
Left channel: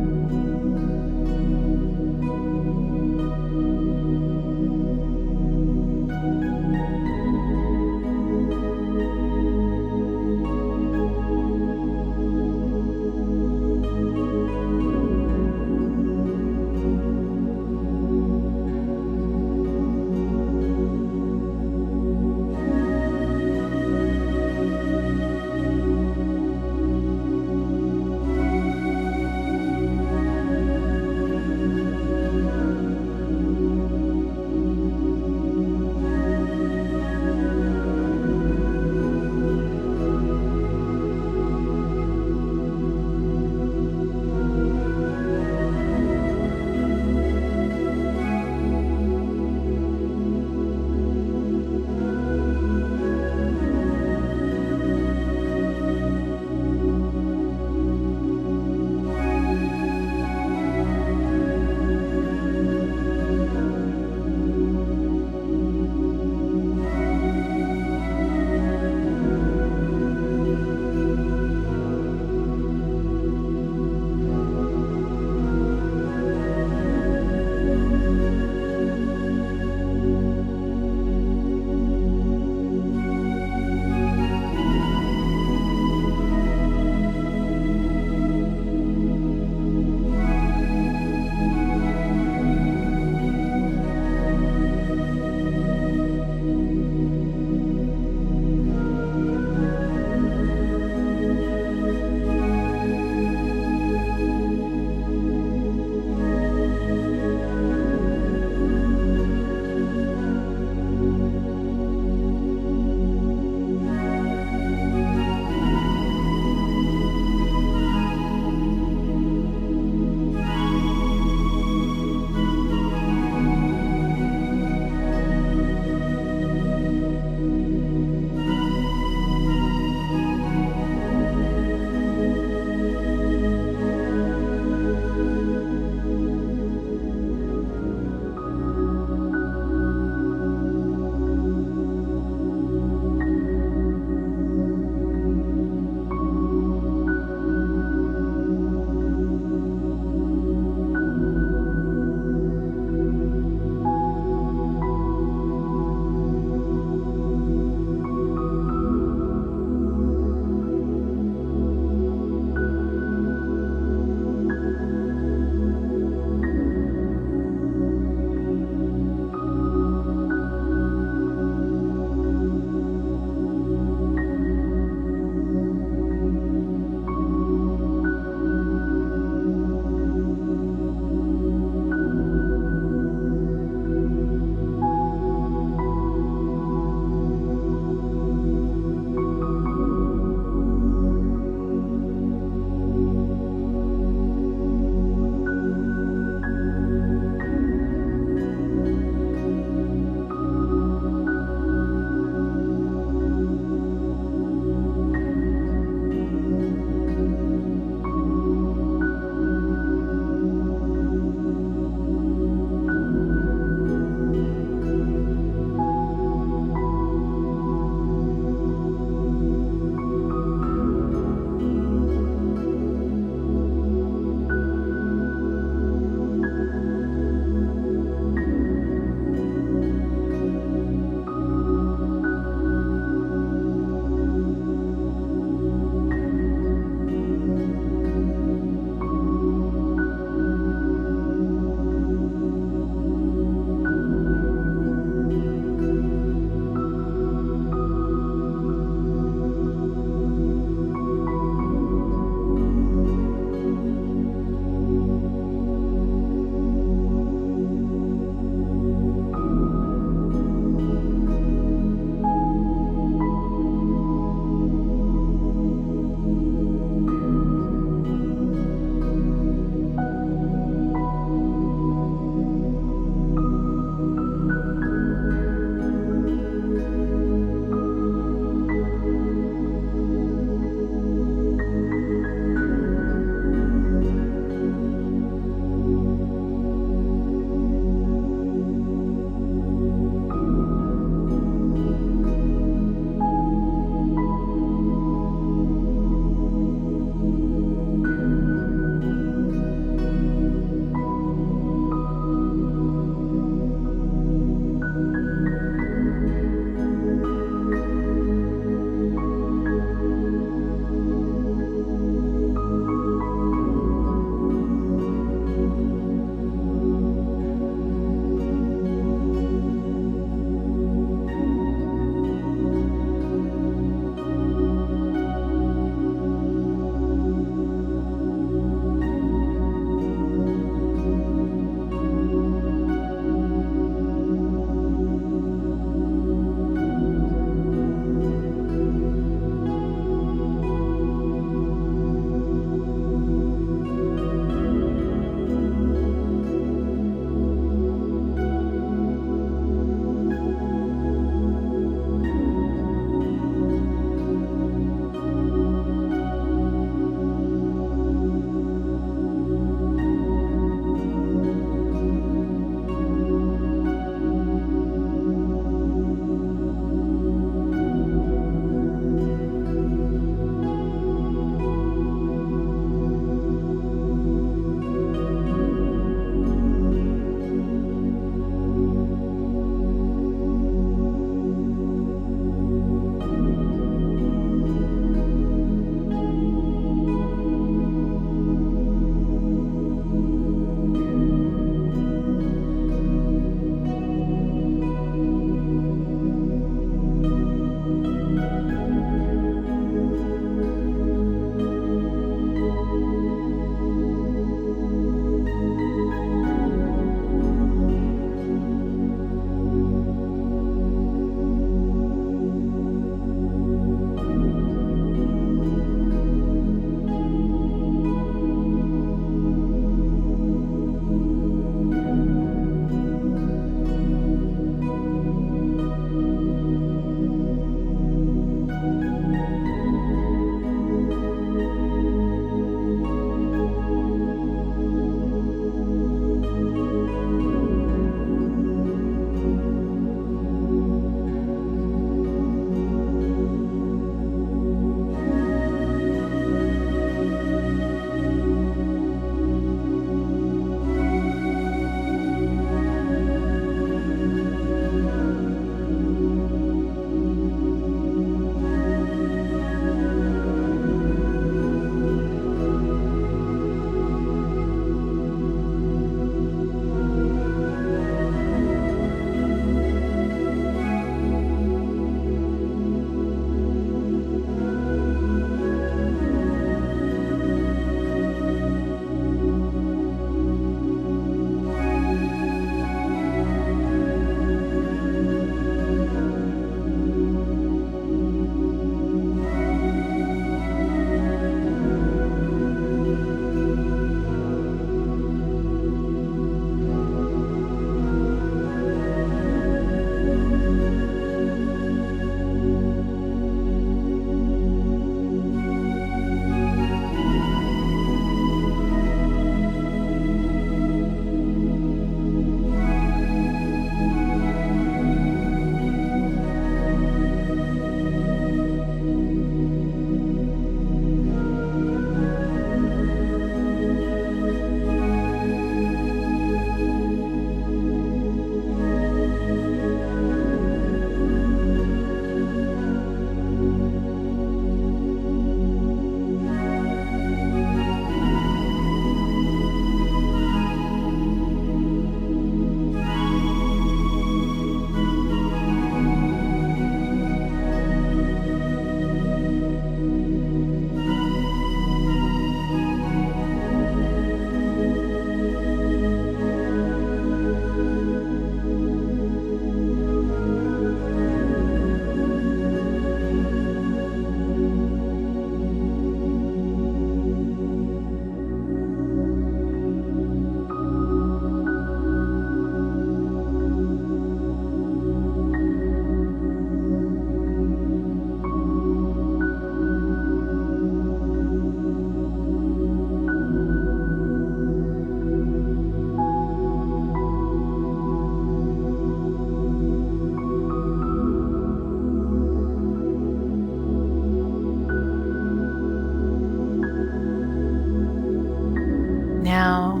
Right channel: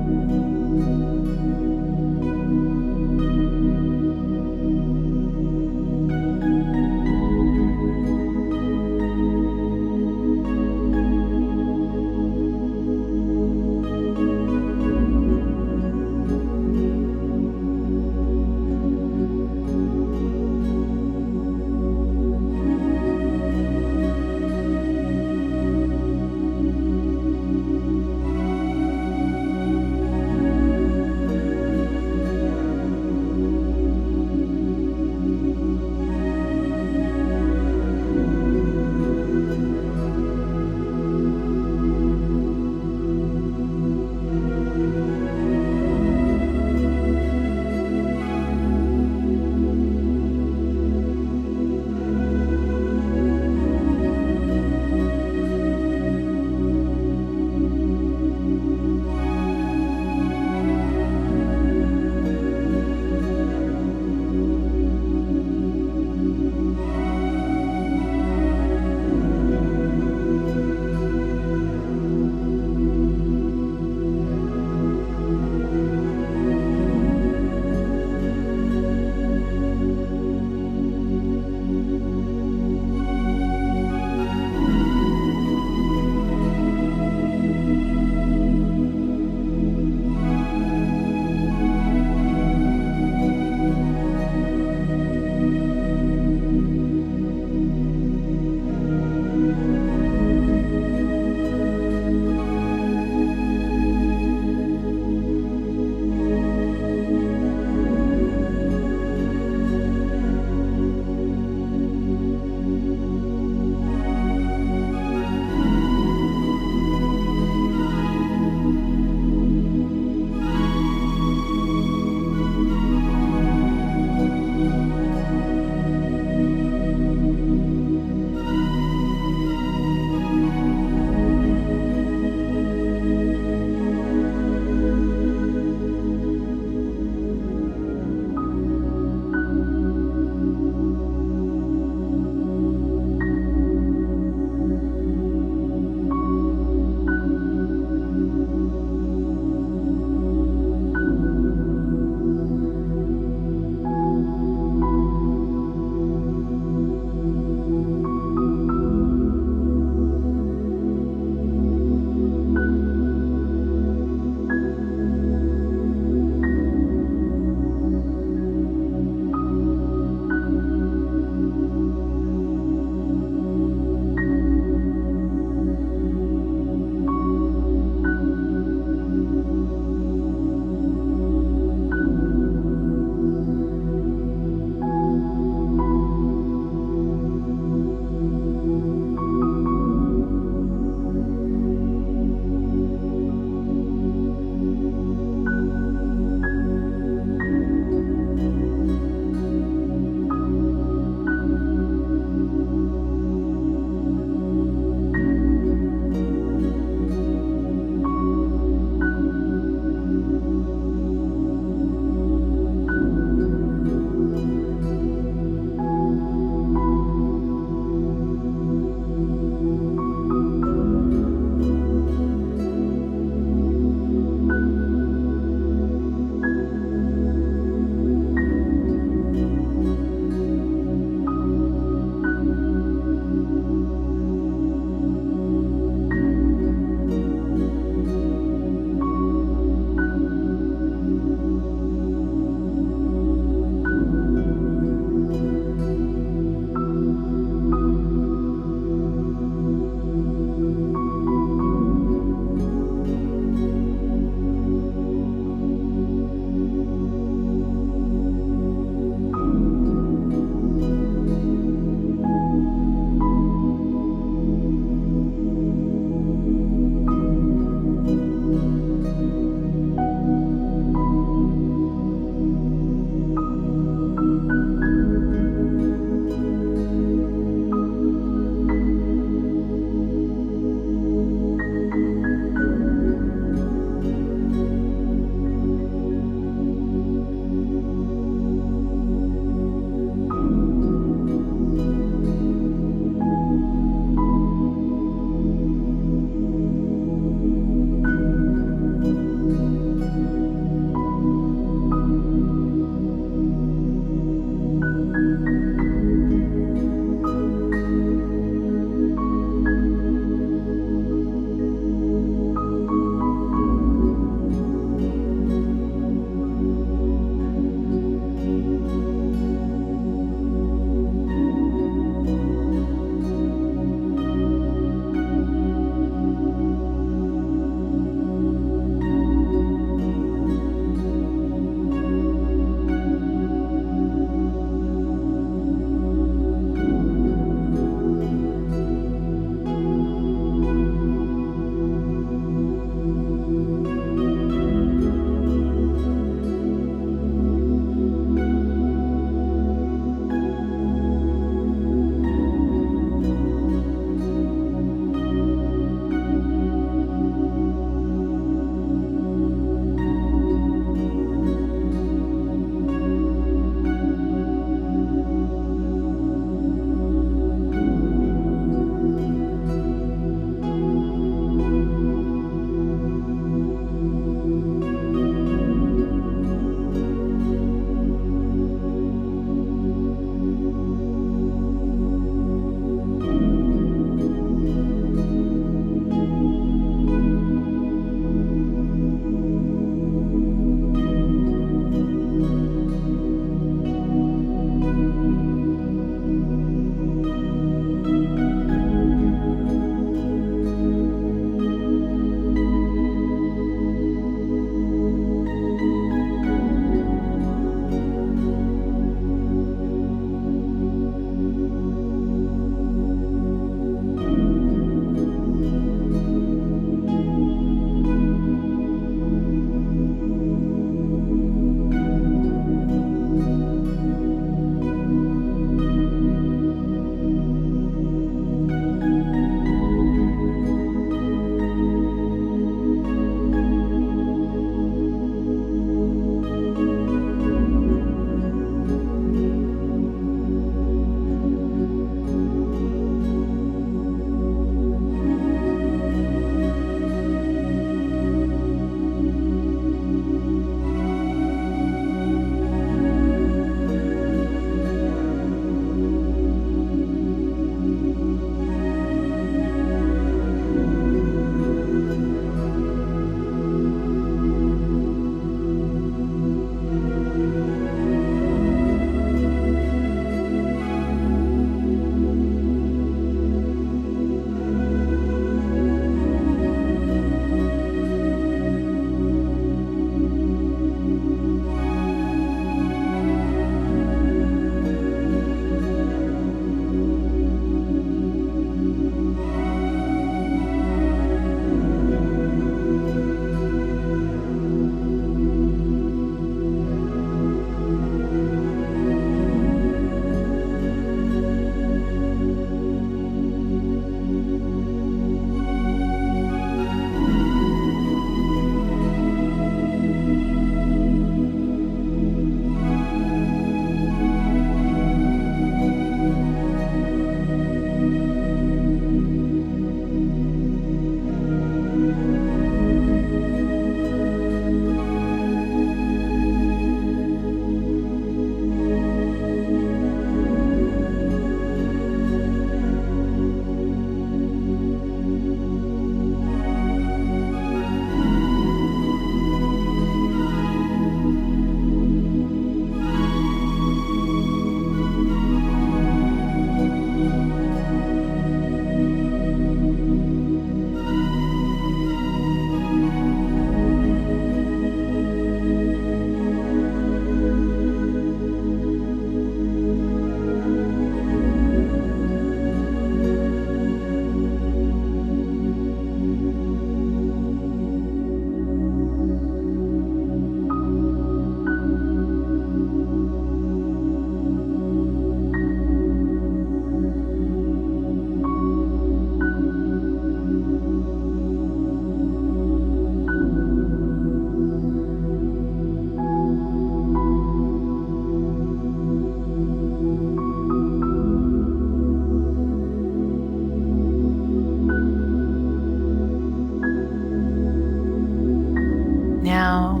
now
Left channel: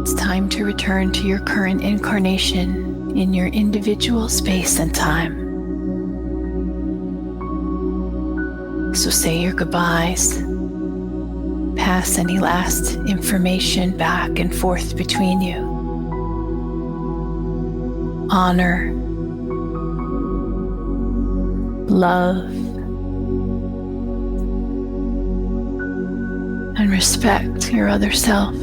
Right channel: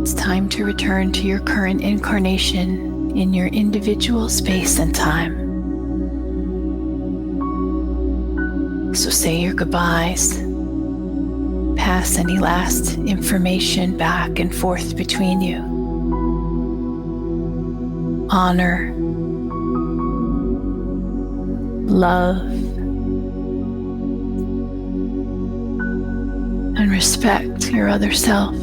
it's time to return to your current incarnation in your individual space and time. So say your goodbyes. Pass any last information back and forth between you. Honor, love, and respect your other self.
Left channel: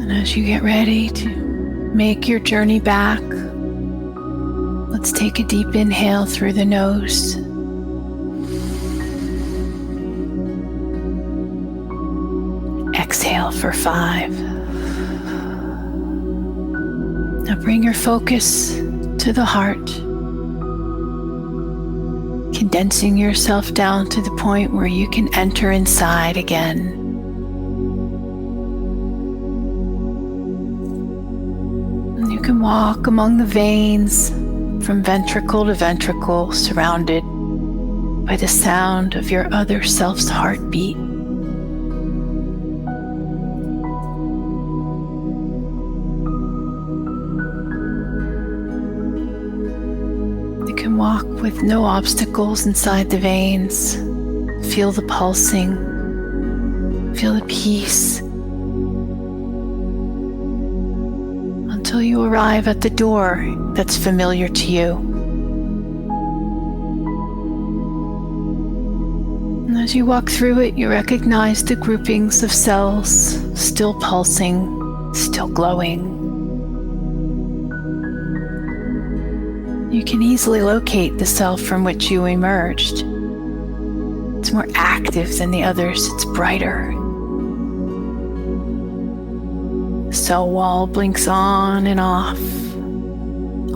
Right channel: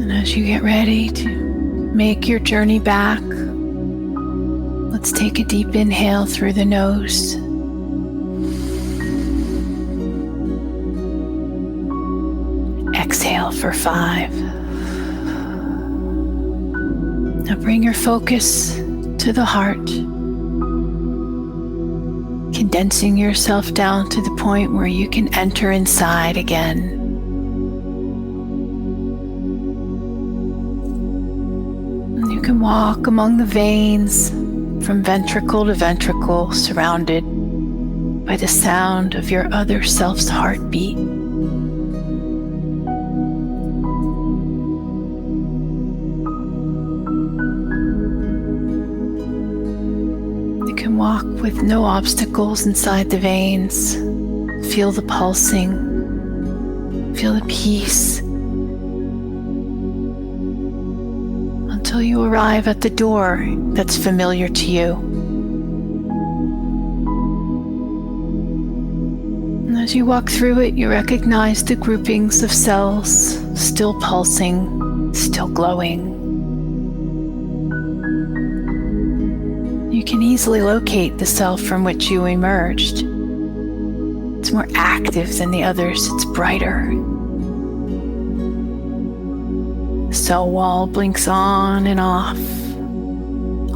And as you get ready to make your journey back, let's take a deep inhale through the nose. Exhale for 5. Now bring your focus to the heart, condensing yourself down to the point where you can enter inside again. And you can walk among the veins from ventricle to ventricle, surrounded by the sound of your other self's heartbeat. You can walk with no obstacles inside the veins. Feel the pulsing, feel the peace, until you arrive at the door that's familiar to you. And as you walk through it, you recognize the groupings of cells, still pulsing, still glowing. You can easily locate the self from which you emerged. It's more active than the others, it's brighter. The cell wall blinks on and off,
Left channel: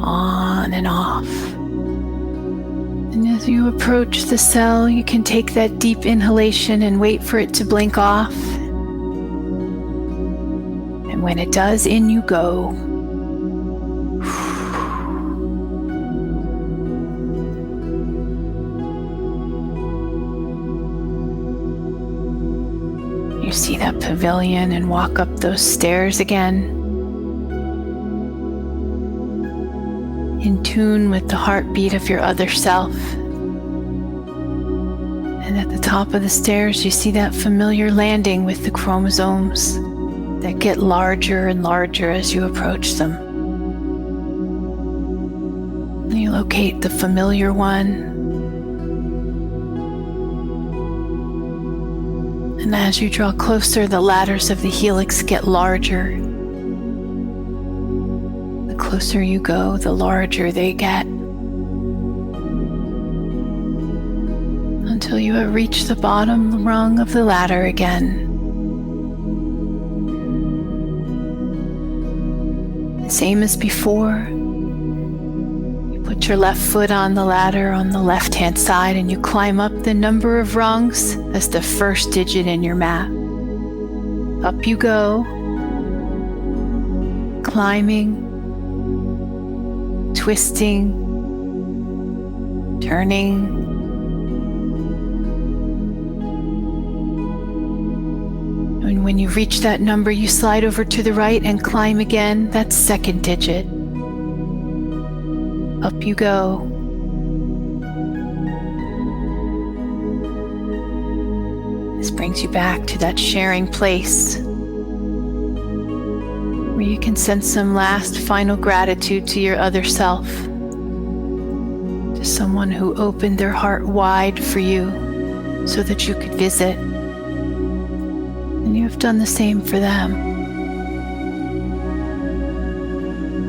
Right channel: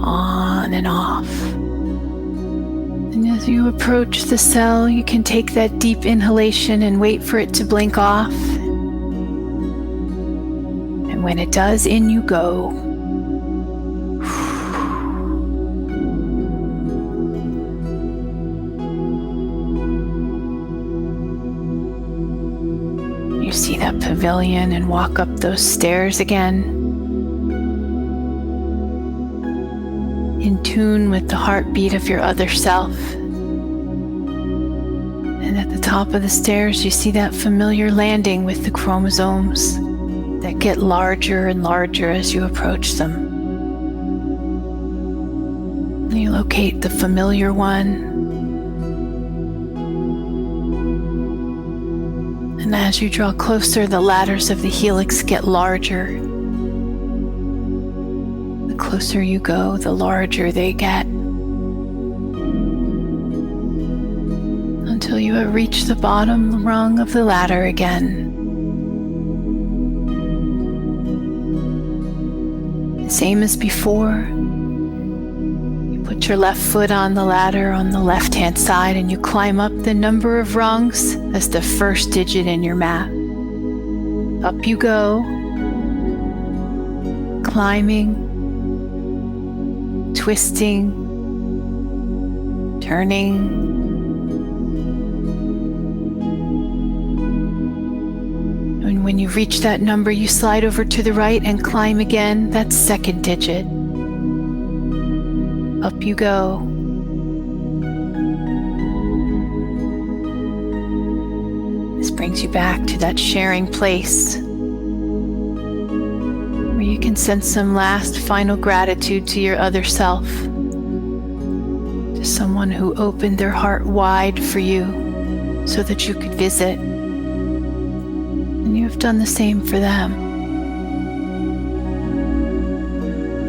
on and off. And as you approach the cell, you can take that deep inhalation and wait for it to blink off. And when it does, in you go. You see that pavilion and walk up those stairs again, in tune with the heartbeat of your other self. And at the top of the stairs, you see that familiar landing with the chromosomes that get larger and larger as you approach them. And you locate the familiar one. And as you draw closer, the ladders of the helix get larger. The closer you go, the larger they get. Until you have reached the bottom rung of the ladder again. Same as before. Put your left foot on the ladder on the left-hand side and you climb up the number of rungs as the first digit in your map. Up you go, climbing, twisting, turning. And when you reach that number, you slide over to the right and climb again. That's second digit. Up you go. This brings you back to that sharing place where you can send some last final gratitude to your other self, to someone who opened their heart wide for you so that you could visit. And you have done the same for them.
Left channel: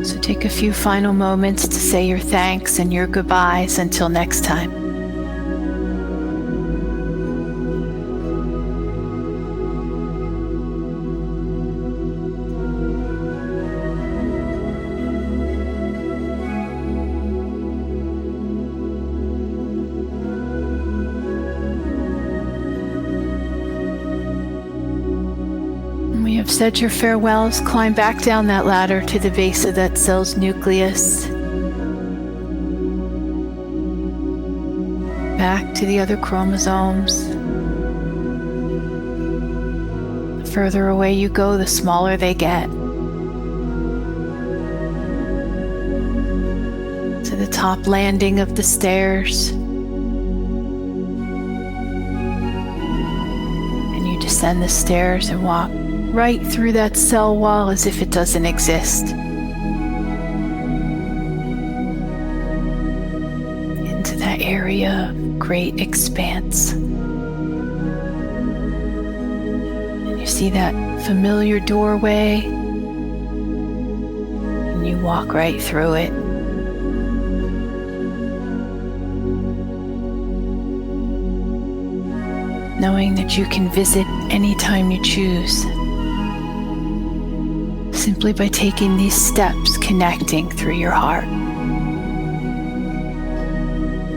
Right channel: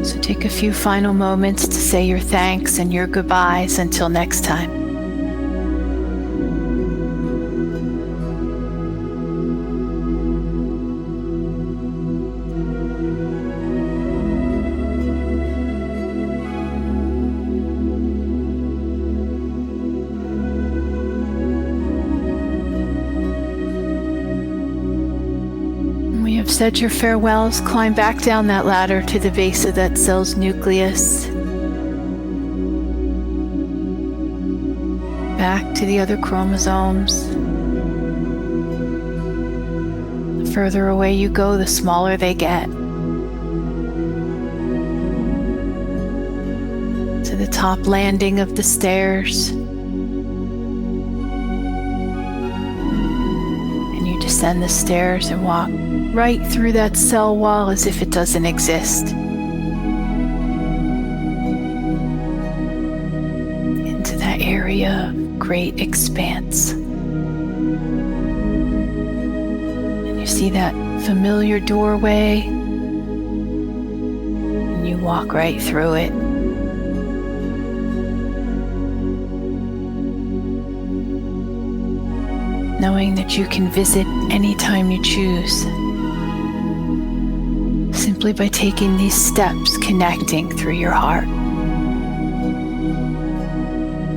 So take a few final moments to say your thanks and your goodbyes until next time. have said your farewells, climb back down that ladder to the base of that cell's nucleus. Back to the other chromosomes. The further away you go, the smaller they get. To the top landing of the stairs. And you descend the stairs and walk right through that cell wall as if it doesn't exist. Into that area of great expanse. And you see that familiar doorway, and you walk right through it. Knowing that you can visit anytime you choose, simply by taking these steps, connecting through your heart.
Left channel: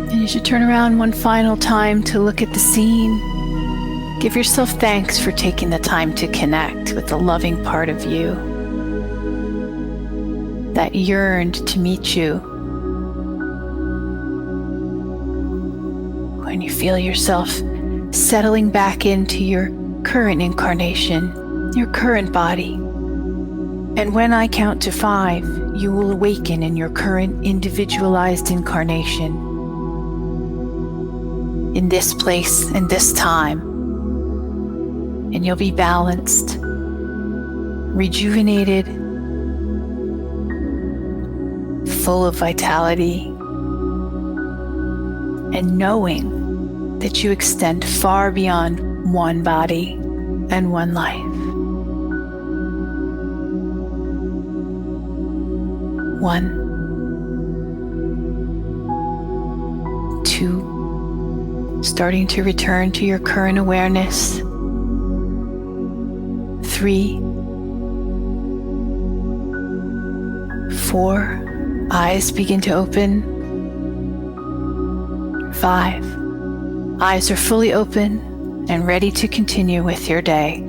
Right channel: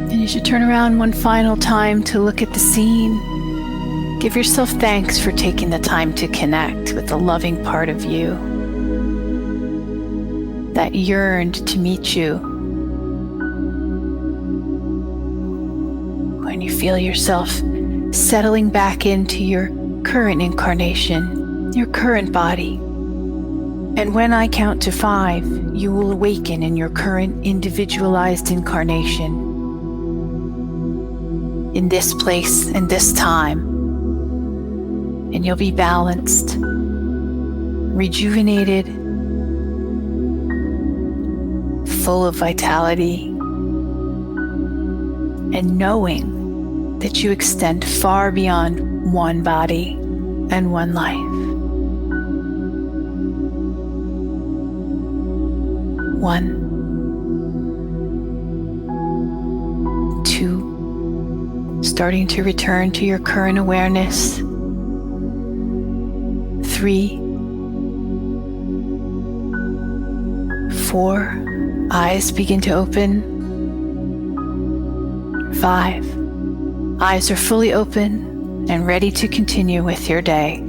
And you should turn around one final time to look at the scene. Give yourself thanks for taking the time to connect with the loving part of you that yearned to meet you. When you feel yourself settling back into your current incarnation, your current body. And when I count to 5, you will awaken in your current individualized incarnation, in this place and this time. And you'll be balanced, rejuvenated, full of vitality, and knowing that you extend far beyond one body and one life. 1, 2, starting to return to your current awareness. 3, 4, eyes begin to open. 5, eyes are fully open and ready to continue with your day.